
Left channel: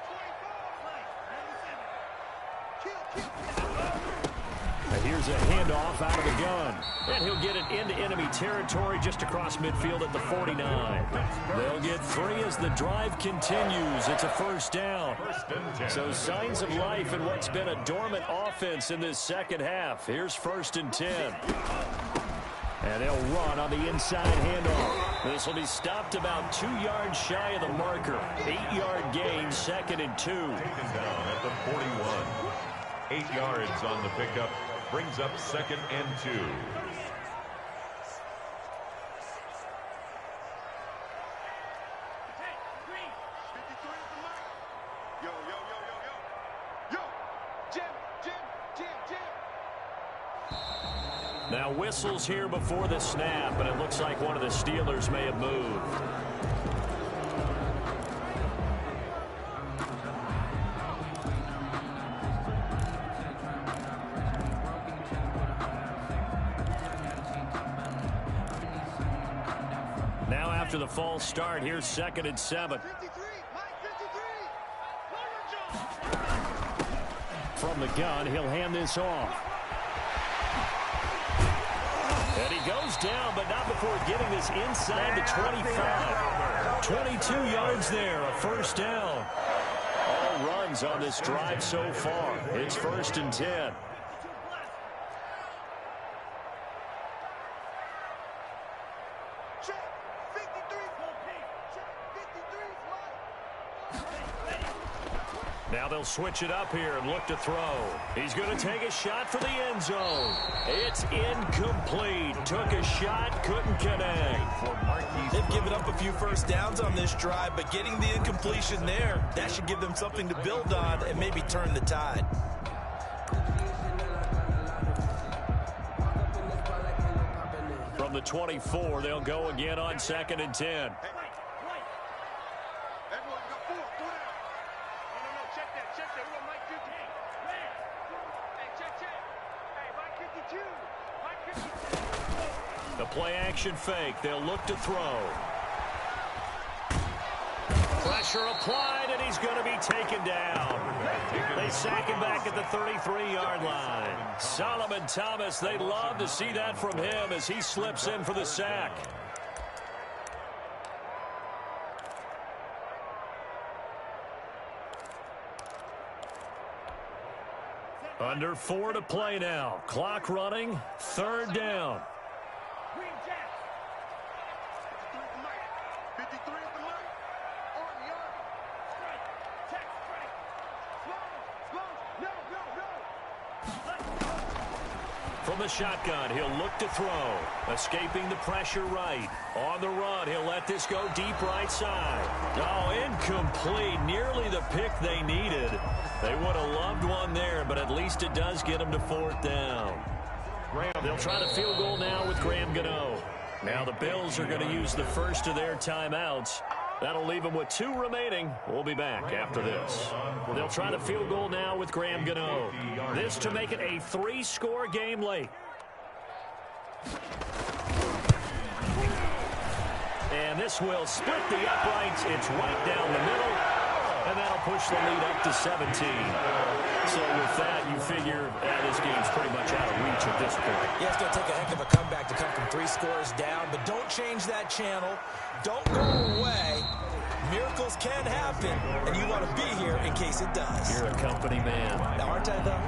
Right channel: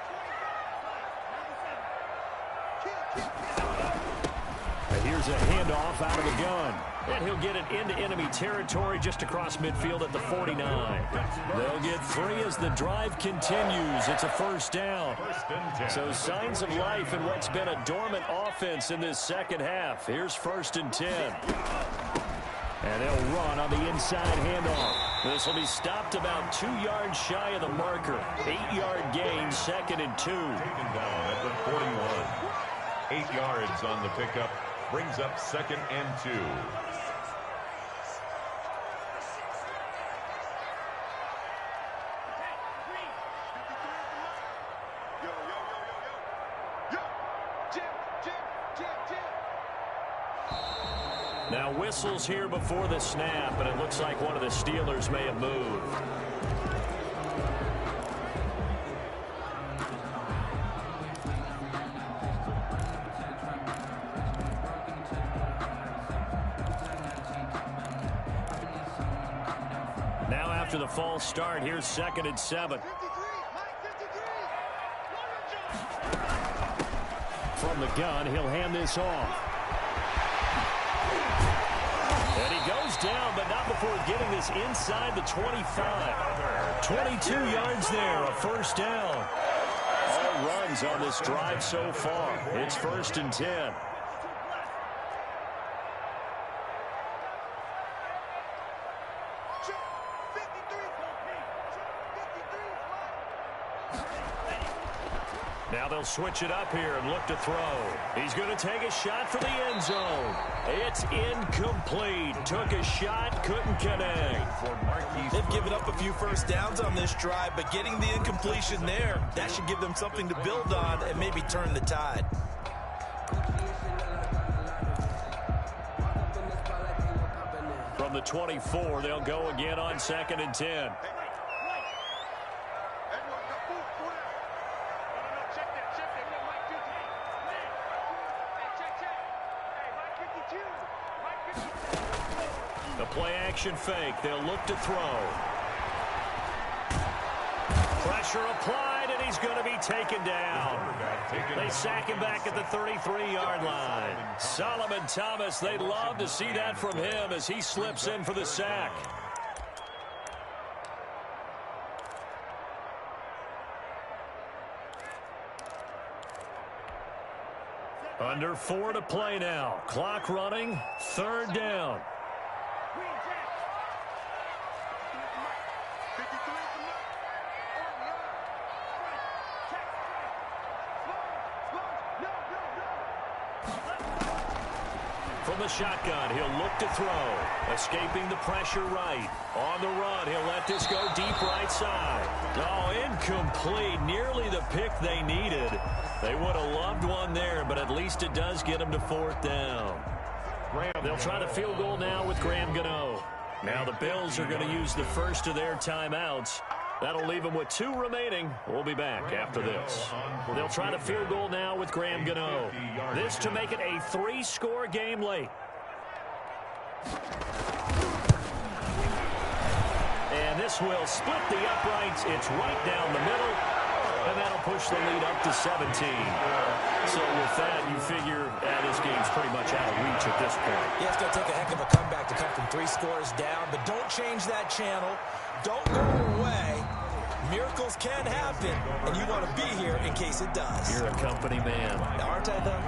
25. And here's a handoff out of the gun. And he'll get it into enemy territory just across midfield at the 49. They'll get 3 as the drive continues. It's a 1st down. 1st and 10. So signs of life in what's been a dormant offense in this second half. Here's 1st and 10. And they'll run on the inside handoff. This will be stopped about 2 yards shy of the marker. 8-yard gain, 2nd and 2. Taken down at the 41. 8 yards on the pickup. Brings up 2nd and 2. Yo, yo, yo, yo, yo. Yo, Jim, Jim, Jim, Jim. Now whistles here before the snap, and it looks like one of the Steelers may have moved. Now after the false start, here's 2nd and 7. 53, Mike, 53. From the gun, he'll hand this off. And he goes down, but not before getting this inside the 25. 22 yards there, a 1st down. All runs on this drive so far. It's 1st and 10. Check 53. Check 53, Mike. Now they'll switch it up here and look to throw. He's going to take a shot for the end zone. It's incomplete. Took a shot, couldn't connect. They've given up a few 1st downs on this drive, but getting the incompletion there, that should give them something to build on and maybe turn the tide. From the 24, they'll go again on 2nd and 10. Everyone got 4 down. No, check that. What Mike 50? Hey, check. Hey, Mike 52. Mike 52. The play action fake. They'll look to throw. Pressure applied, and he's going to be taken down. They sack him back at the 33-yard line. Solomon Thomas, they'd love to see that from him as he slips in for the sack. Under 4 to play now. Clock running. 3rd down. Green Jack. 53 is the mark. 53 is the mark. Army. Strike. Check. Strike. Slow. No. From the shotgun, he'll look to throw. Escaping the pressure right. On the run, he'll let this go deep right side. Oh, incomplete. Nearly the pick they needed. They would have loved one there, but at least it does get them to 4th down. They'll try to field goal now with Graham Gano. Now the Bills are going to use the first of their timeouts. That'll leave them with 2 remaining. We'll be back after this. They'll try to field goal now with Graham Gano. This to make it a 3-score game late. And this will split the uprights. It's right down the middle. And that'll push the lead up to 17. So with that, you figure this game's pretty much out of reach at this point. Yeah, it's going to take a heck of a comeback to come from 3 scores down. But don't change that channel. Don't go away. Miracles can happen, and you want to be here in case it does. You're a company man. Now, aren't I, though?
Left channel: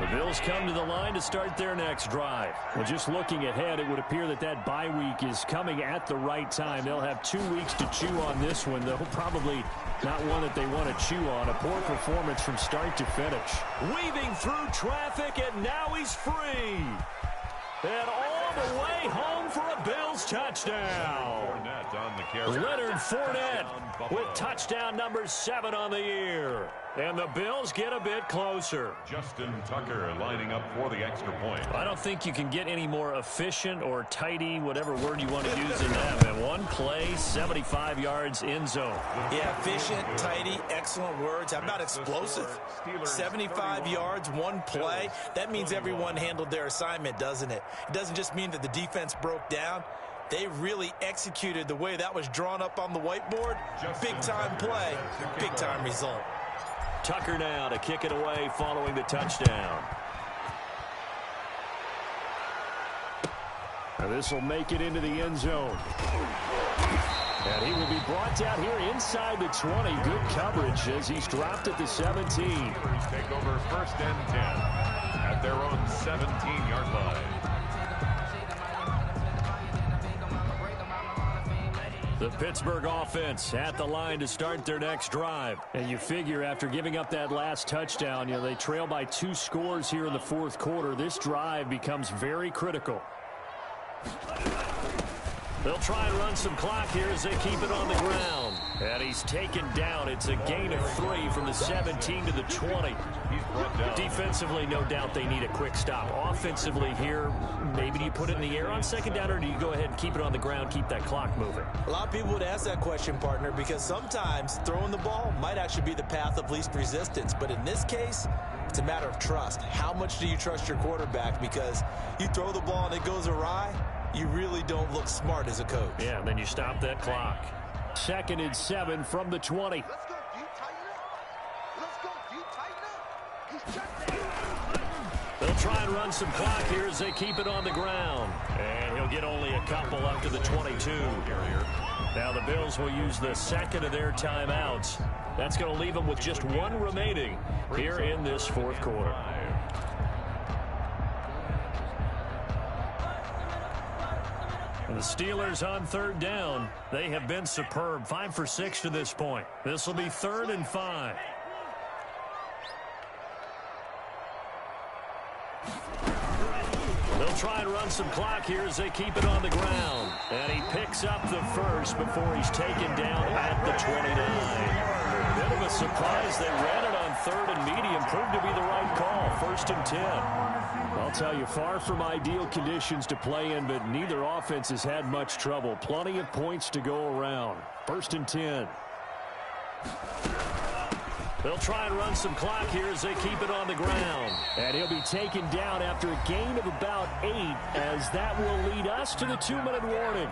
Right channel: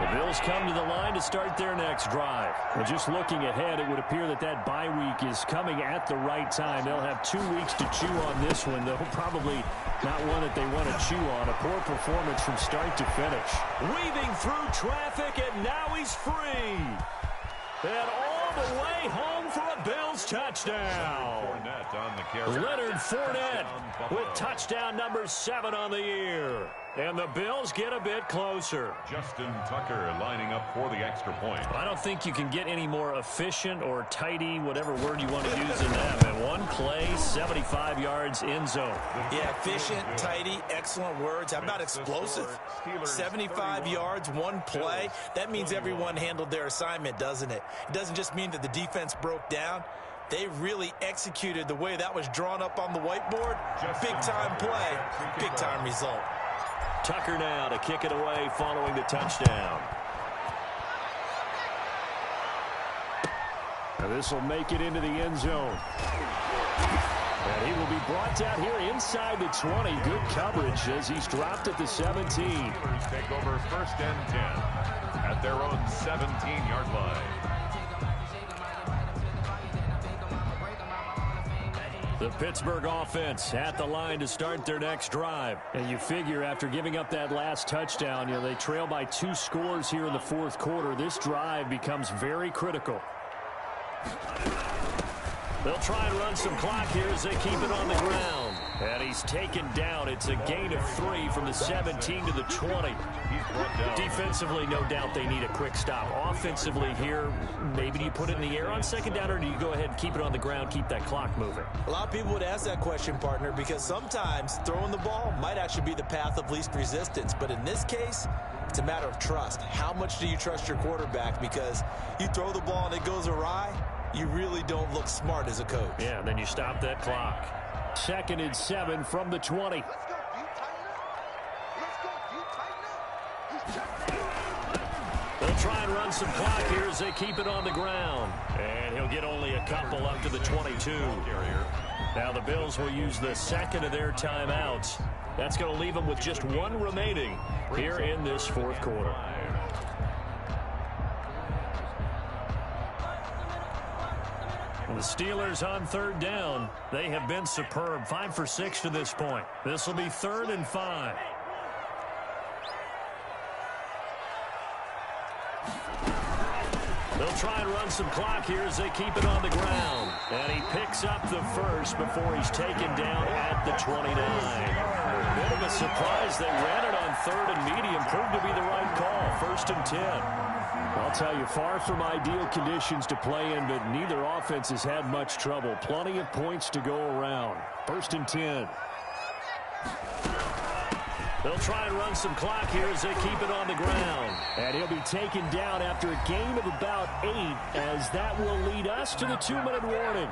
The Bills come to the line to start their next drive. Well, just looking ahead, it would appear that that bye week is coming at the right time. They'll have 2 weeks to chew on this one, though probably not one that they want to chew on. A poor performance from start to finish. Weaving through traffic, and now he's free. And all the way home for a Bills touchdown. Leonard Fournette with touchdown number 7 on the year. And the Bills get a bit closer. Justin Tucker lining up for the extra point. I don't think you can get any more efficient or tidy, whatever word you want to use in that. And 1 play, 75 yards in zone. Yeah, efficient, tidy, excellent words. How about explosive? 75 yards, 1 play. That means everyone handled their assignment, doesn't it? It doesn't just mean that the defense broke down. They really executed the way that was drawn up on the whiteboard. Big-time play, big-time result. Tucker now to kick it away following the touchdown. Now this will make it into the end zone. And he will be brought down here inside the 20. Good coverage as he's dropped at the 17. Take over 1st and 10 at their own 17-yard line. The Pittsburgh offense at the line to start their next drive. And you figure after giving up that last touchdown, they trail by 2 scores here in the 4th quarter. This drive becomes very critical. They'll try and run some clock here as they keep it on the ground. And he's taken down. It's a gain of 3 from the 17 to the 20. Defensively, no doubt they need a quick stop. Offensively here, maybe do you put it in the air on 2nd down, or do you go ahead and keep it on the ground, keep that clock moving? A lot of people would ask that question, partner, because sometimes throwing the ball might actually be the path of least resistance. But in this case, it's a matter of trust. How much do you trust your quarterback? Because you throw the ball and it goes awry, you really don't look smart as a coach. Yeah, and then you stop that clock. 2nd and 7 from the 20. Let's go, dude. Tighten up. Let's go, dude. Tighten up. He's checked down. They'll try and run some clock here as they keep it on the ground. And he'll get only a couple up to the 22. Now the Bills will use the 2nd of their timeouts. That's going to leave them with just 1 remaining here in this 4th quarter. The Steelers on 3rd down. They have been superb. 5 for 6 to this point. This will be 3rd and 5. They'll try and run some clock here as they keep it on the ground. And he picks up the first before he's taken down at the 29. Bit of a surprise. They ran it on 3rd and medium. Proved to be the right call. 1st and 10. I'll tell you, far from ideal conditions to play in, but neither offense has had much trouble. Plenty of points to go around. 1st and 10. They'll try and run some clock here as they keep it on the ground. And he'll be taken down after a gain of about 8, as that will lead us to the 2-minute warning.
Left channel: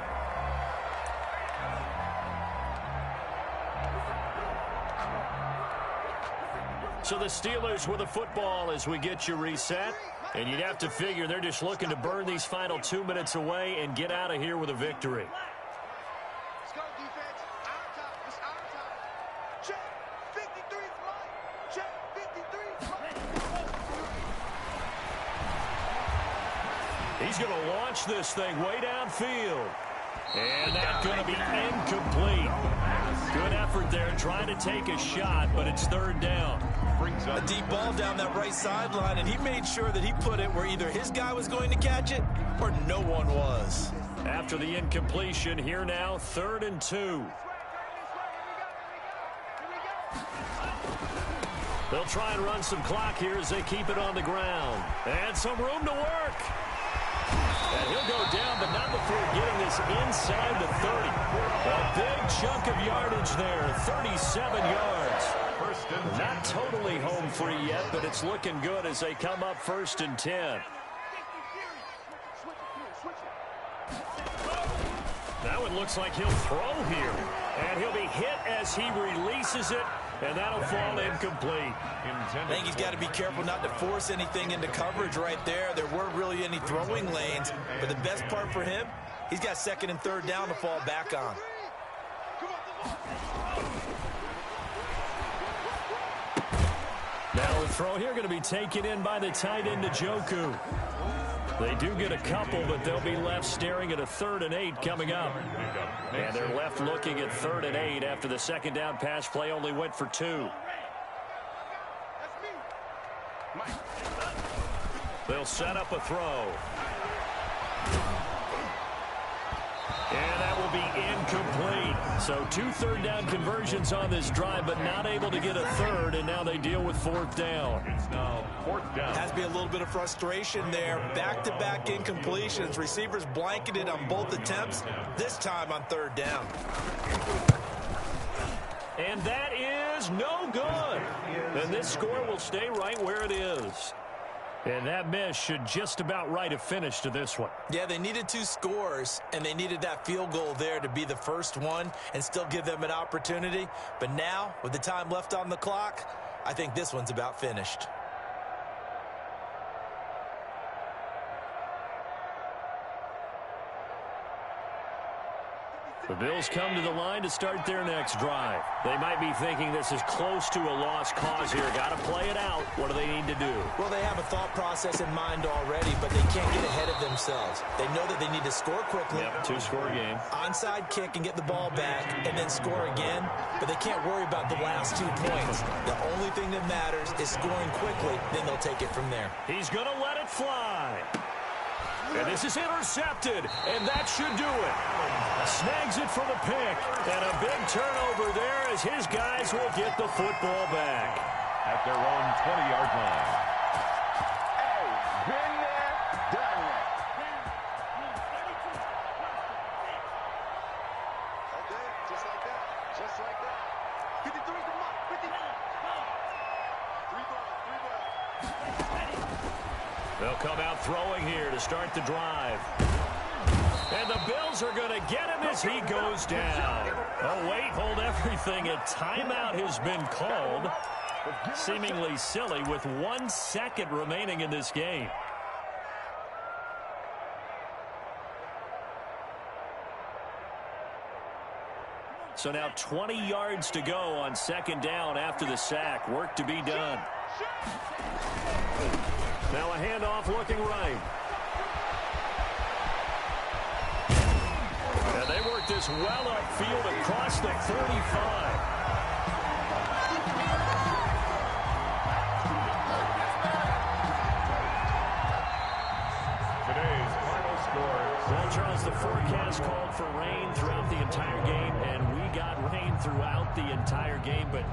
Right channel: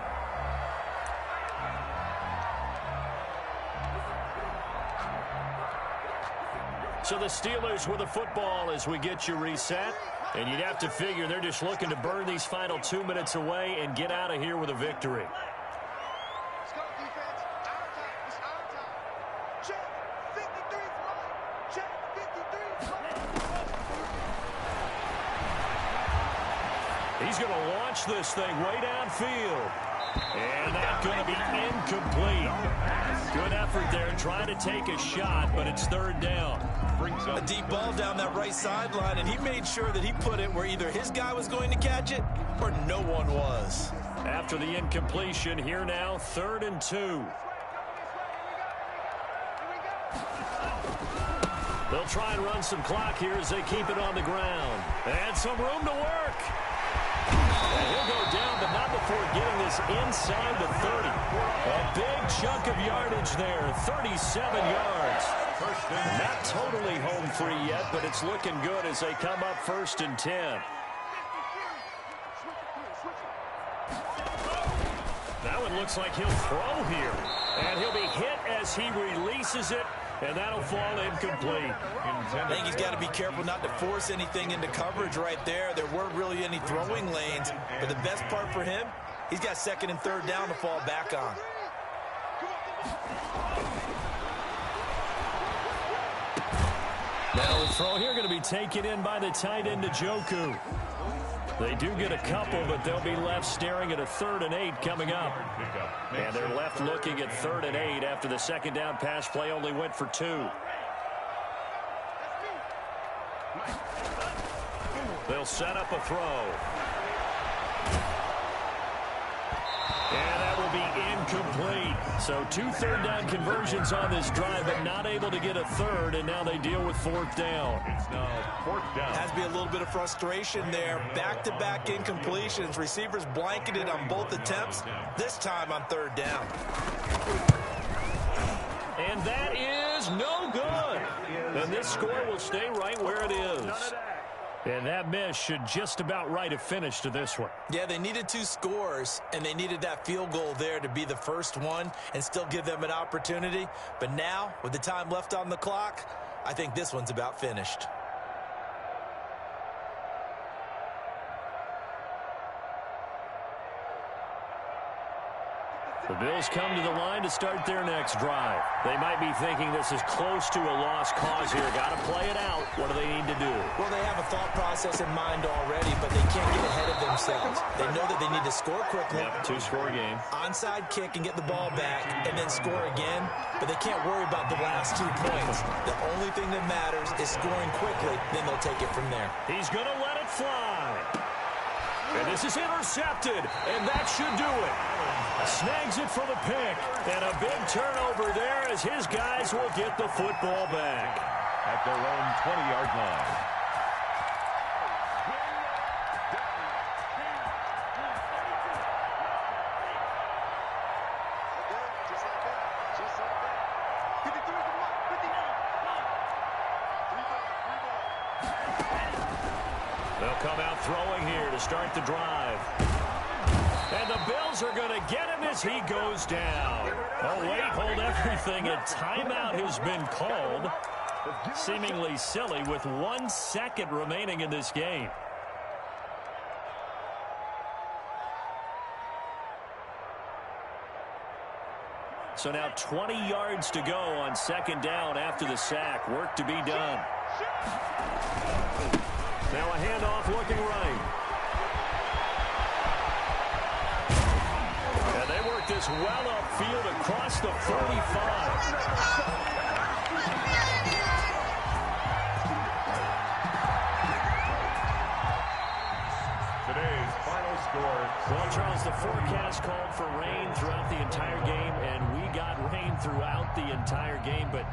So the Steelers with the football as we get you reset. And you'd have to figure they're just looking to burn these final 2 minutes away and get out of here with a victory. Let's go, defense. Our time. It's our time. Check. 53's right. Check. 53's right. He's going to launch this thing way downfield. And that's going to be incomplete. Good effort there trying to take a shot, but it's 3rd down. A deep ball down that right sideline, and he made sure that he put it where either his guy was going to catch it or no one was. After the incompletion, here now, 3rd and 2. They'll try and run some clock here as they keep it on the ground. And some room to work. And he'll go down, but not before getting this inside the 30. A big chunk of yardage there, 37 yards. Not totally home free yet, but it's looking good as they come up 1st and 10. Now it looks like he'll throw here. And he'll be hit as he releases it. And that'll fall incomplete. I think he's got to be careful not to force anything into coverage right there. There weren't really any throwing lanes. But the best part for him, he's got 2nd and 3rd down to fall back on. Now the throw here going to be taken in by the tight end Njoku. They do get a couple, but they'll be left staring at a 3rd and 8 coming up. And they're left looking at 3rd and 8 after the 2nd down pass play only went for 2. They'll set up a throw. And that will be incomplete. So 2 3rd down conversions on this drive, but not able to get a 3rd, and now they deal with 4th down. It's now 4th down. Has to be a little bit of frustration there. Back-to-back incompletions. Receivers blanketed on both attempts, this time on 3rd down. And that is no good. And this score will stay right where it is. And that miss should just about write a finish to this one. Yeah, they needed 2 scores, and they needed that field goal there to be the first one and still give them an opportunity. But now, with the time left on the clock, I think this one's about finished. The Bills come to the line to start their next drive. They might be thinking this is close to a lost cause here. Got to play it out. What do they need to do? Well, they have a thought process in mind already, but they can't get ahead of themselves. They know that they need to score quickly. Yep, 2-score game. Onside kick and get the ball back and then score again, but they can't worry about the last 2 points. The only thing that matters is scoring quickly, then they'll take it from there. He's going to let it fly. And this is intercepted, and that should do it. Snags it for the pick, and a big turnover there as his guys will get the football back. At their own 20-yard line. Been there, done that. Okay, just like that. Just like that. 53 to Mike. 50. 3 ball. They'll come out throwing here to start the drive. And the Bills are going to get him as he goes down. Oh, wait, hold everything. A timeout has been called. Seemingly silly with 1 second remaining in this game. So now 20 yards to go on 2nd down after the sack. Work to be done. Now a handoff looking right. And they work this well upfield across the 35. Today's final score. Well, Charles, the forecast called for rain throughout the entire game, and we got rain throughout the entire game. But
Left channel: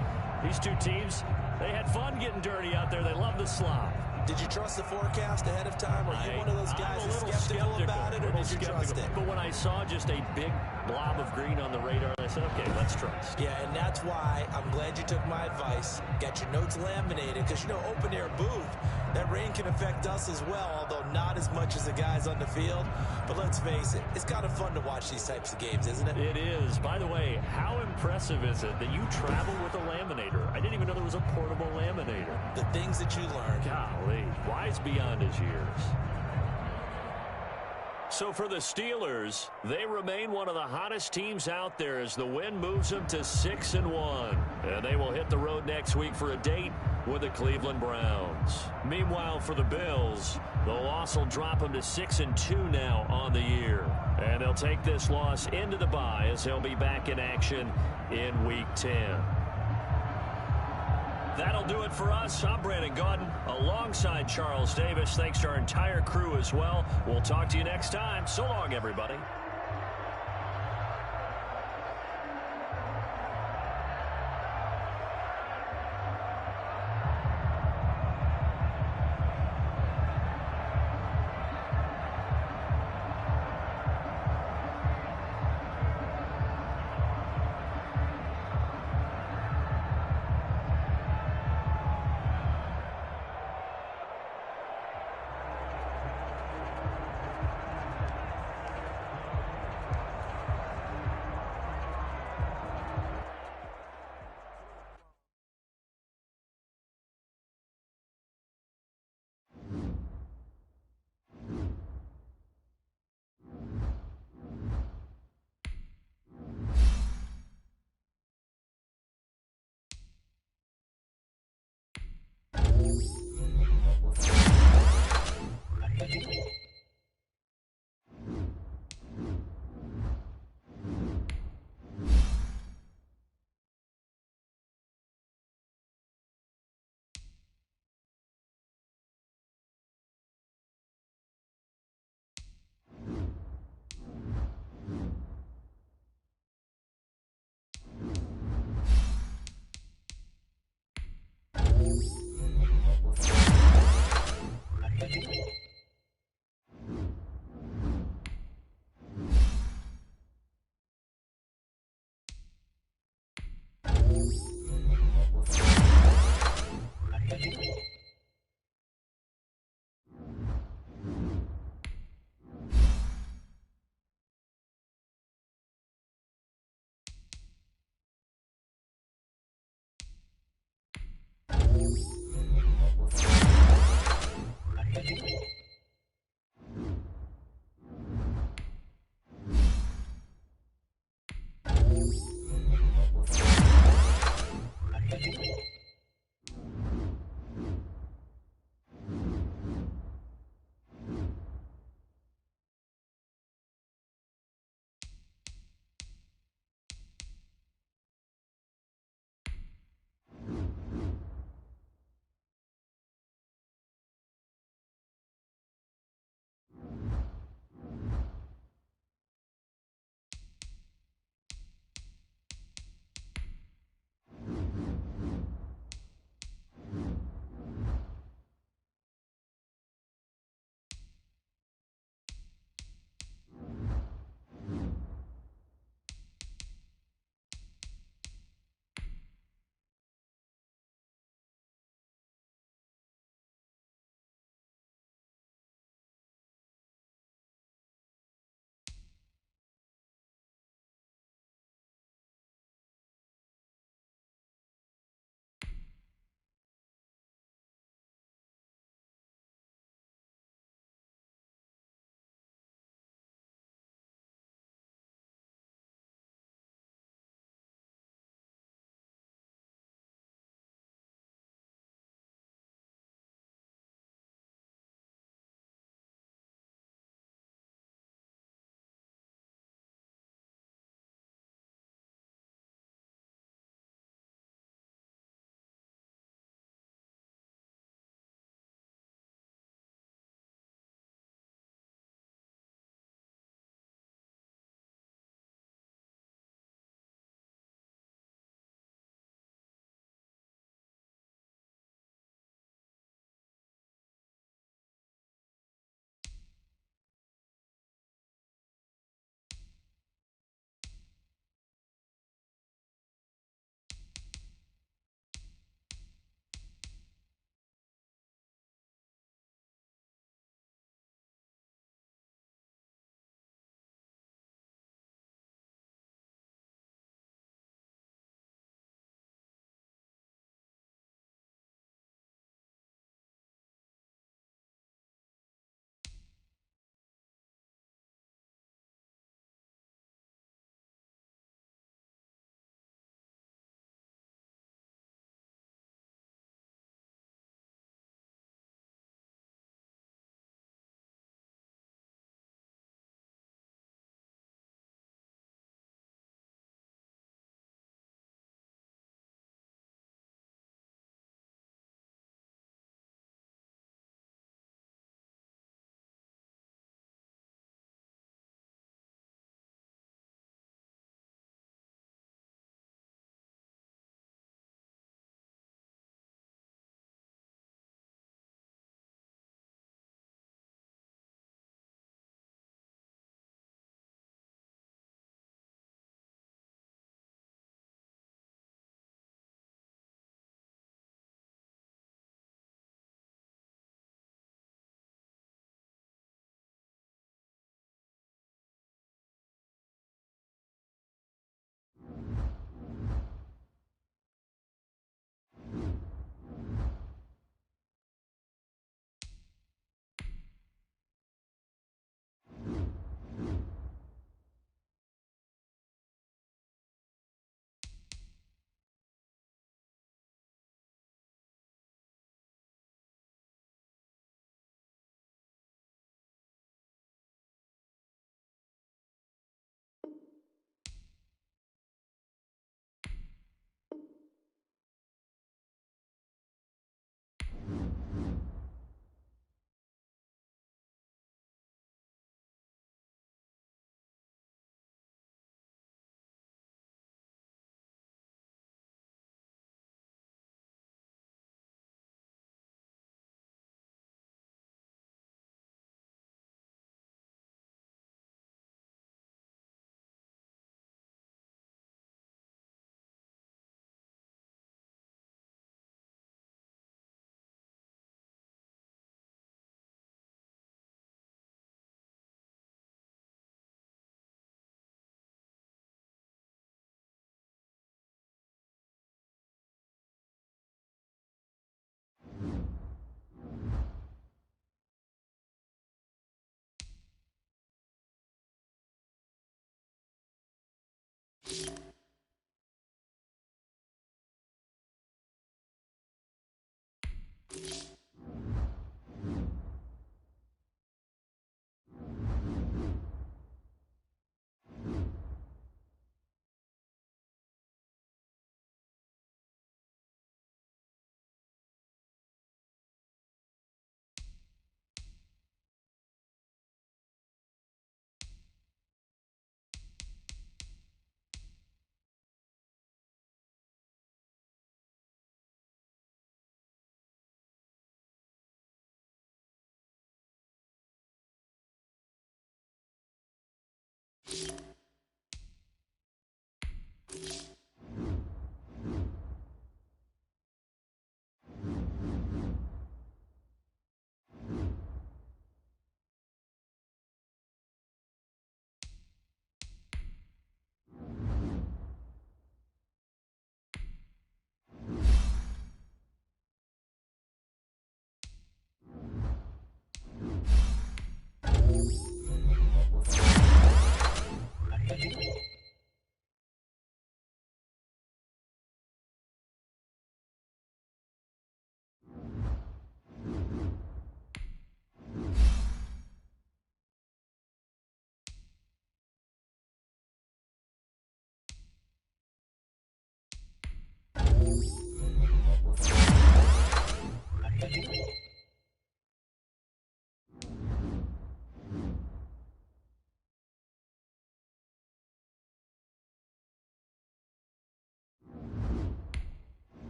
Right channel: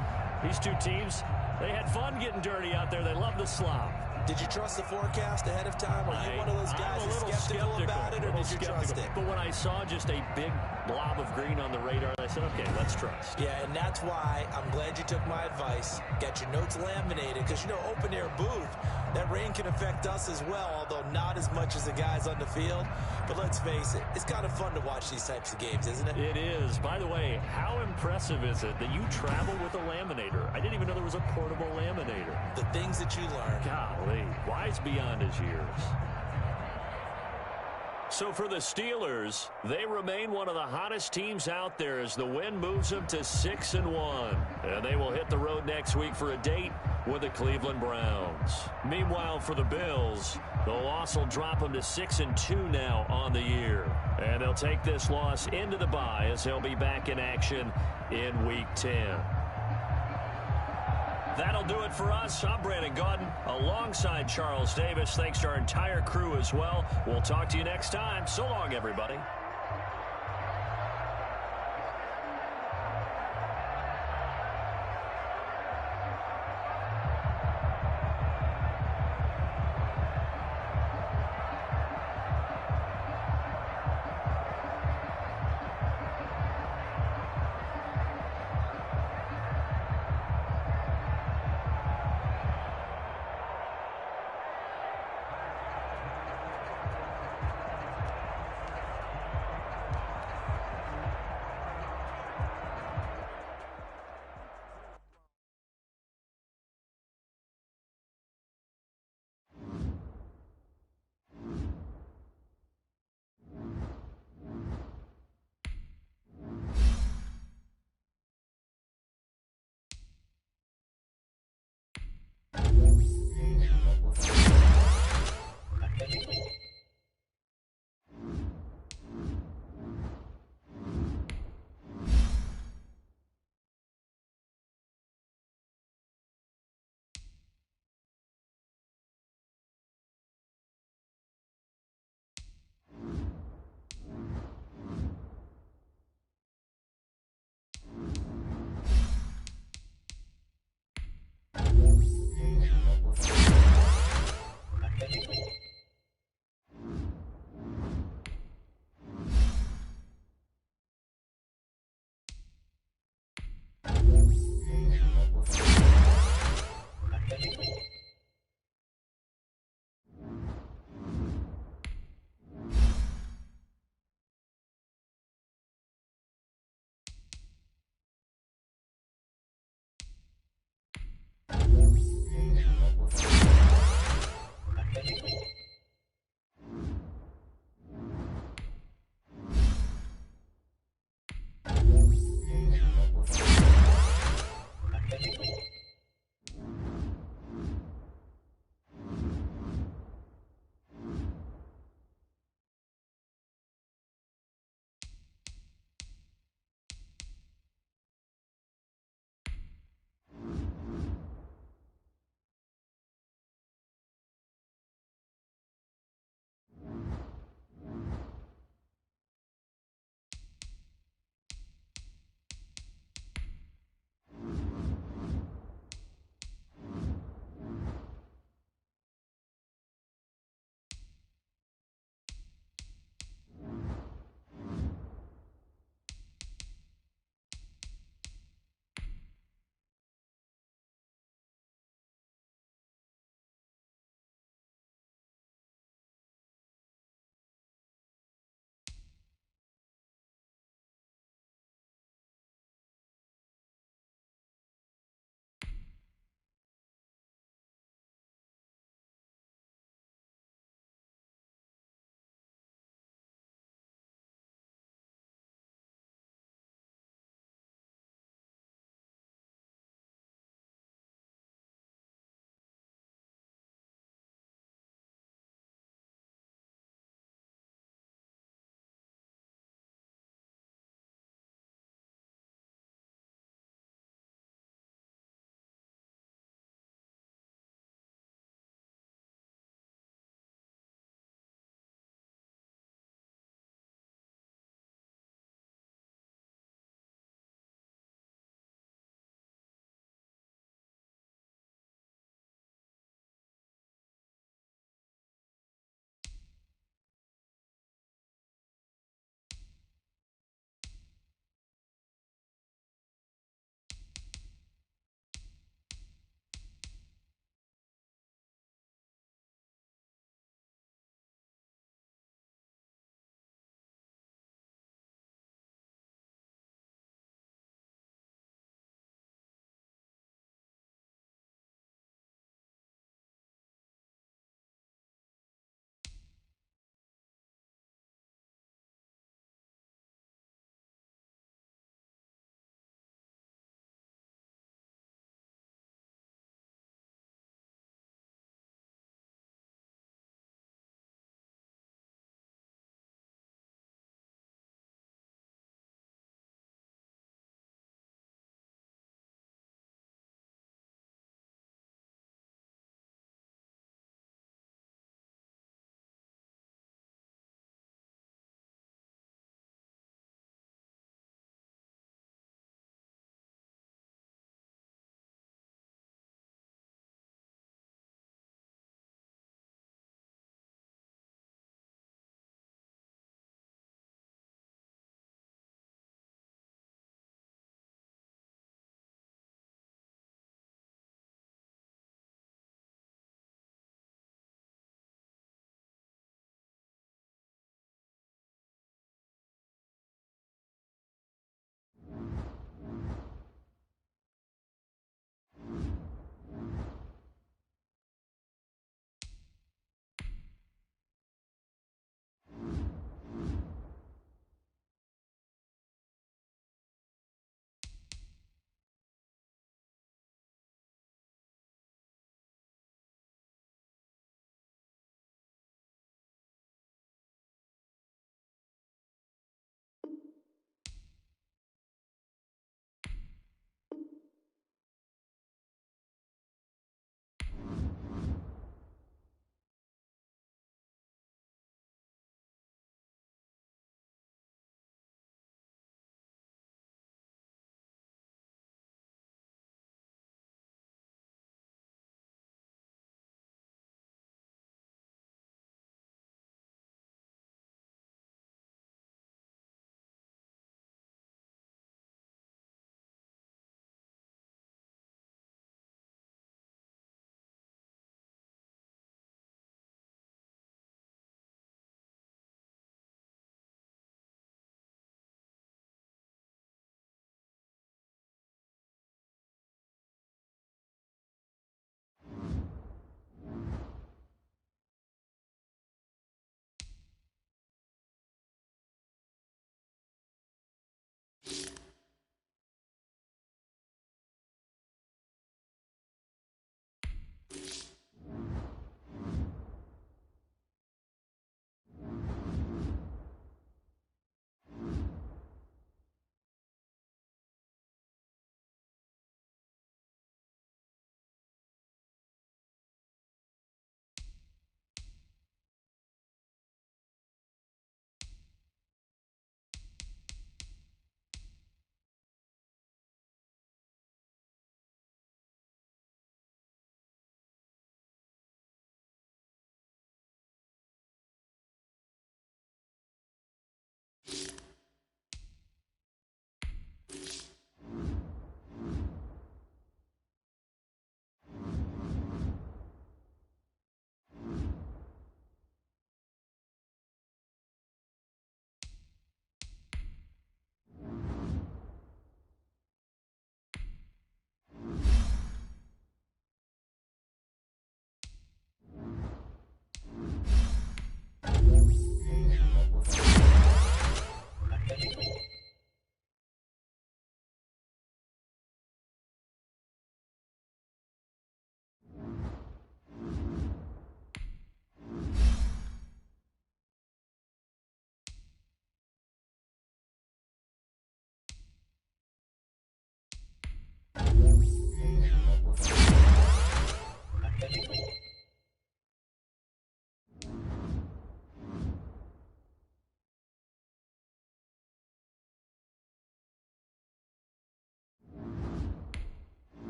these 2 teams, they had fun getting dirty out there. They love the slop. Did you trust the forecast ahead of time? Are you one of those guys who's skeptical about it, or did you trust it? But when I saw just a big blob of green on the radar. And I said, okay, let's trust. Yeah, and that's why I'm glad you took my advice. Get your notes laminated because, you know, open-air booth, that rain can affect us as well, although not as much as the guys on the field. But let's face it, it's kind of fun to watch these types of games, isn't it? It is. By the way, how impressive is it that you travel with a laminator? I didn't even know there was a portable laminator. The things that you learn. Golly, wise beyond his years. So for the Steelers, they remain one of the hottest teams out there as the win moves them to 6-1. And they will hit the road next week for a date with the Cleveland Browns. Meanwhile, for the Bills, the loss will drop them to 6-2 now on the year. And they'll take this loss into the bye as they'll be back in action in Week 10. That'll do it for us. I'm Brandon Gaudin alongside Charles Davis. Thanks to our entire crew as well. We'll talk to you next time. So long, everybody.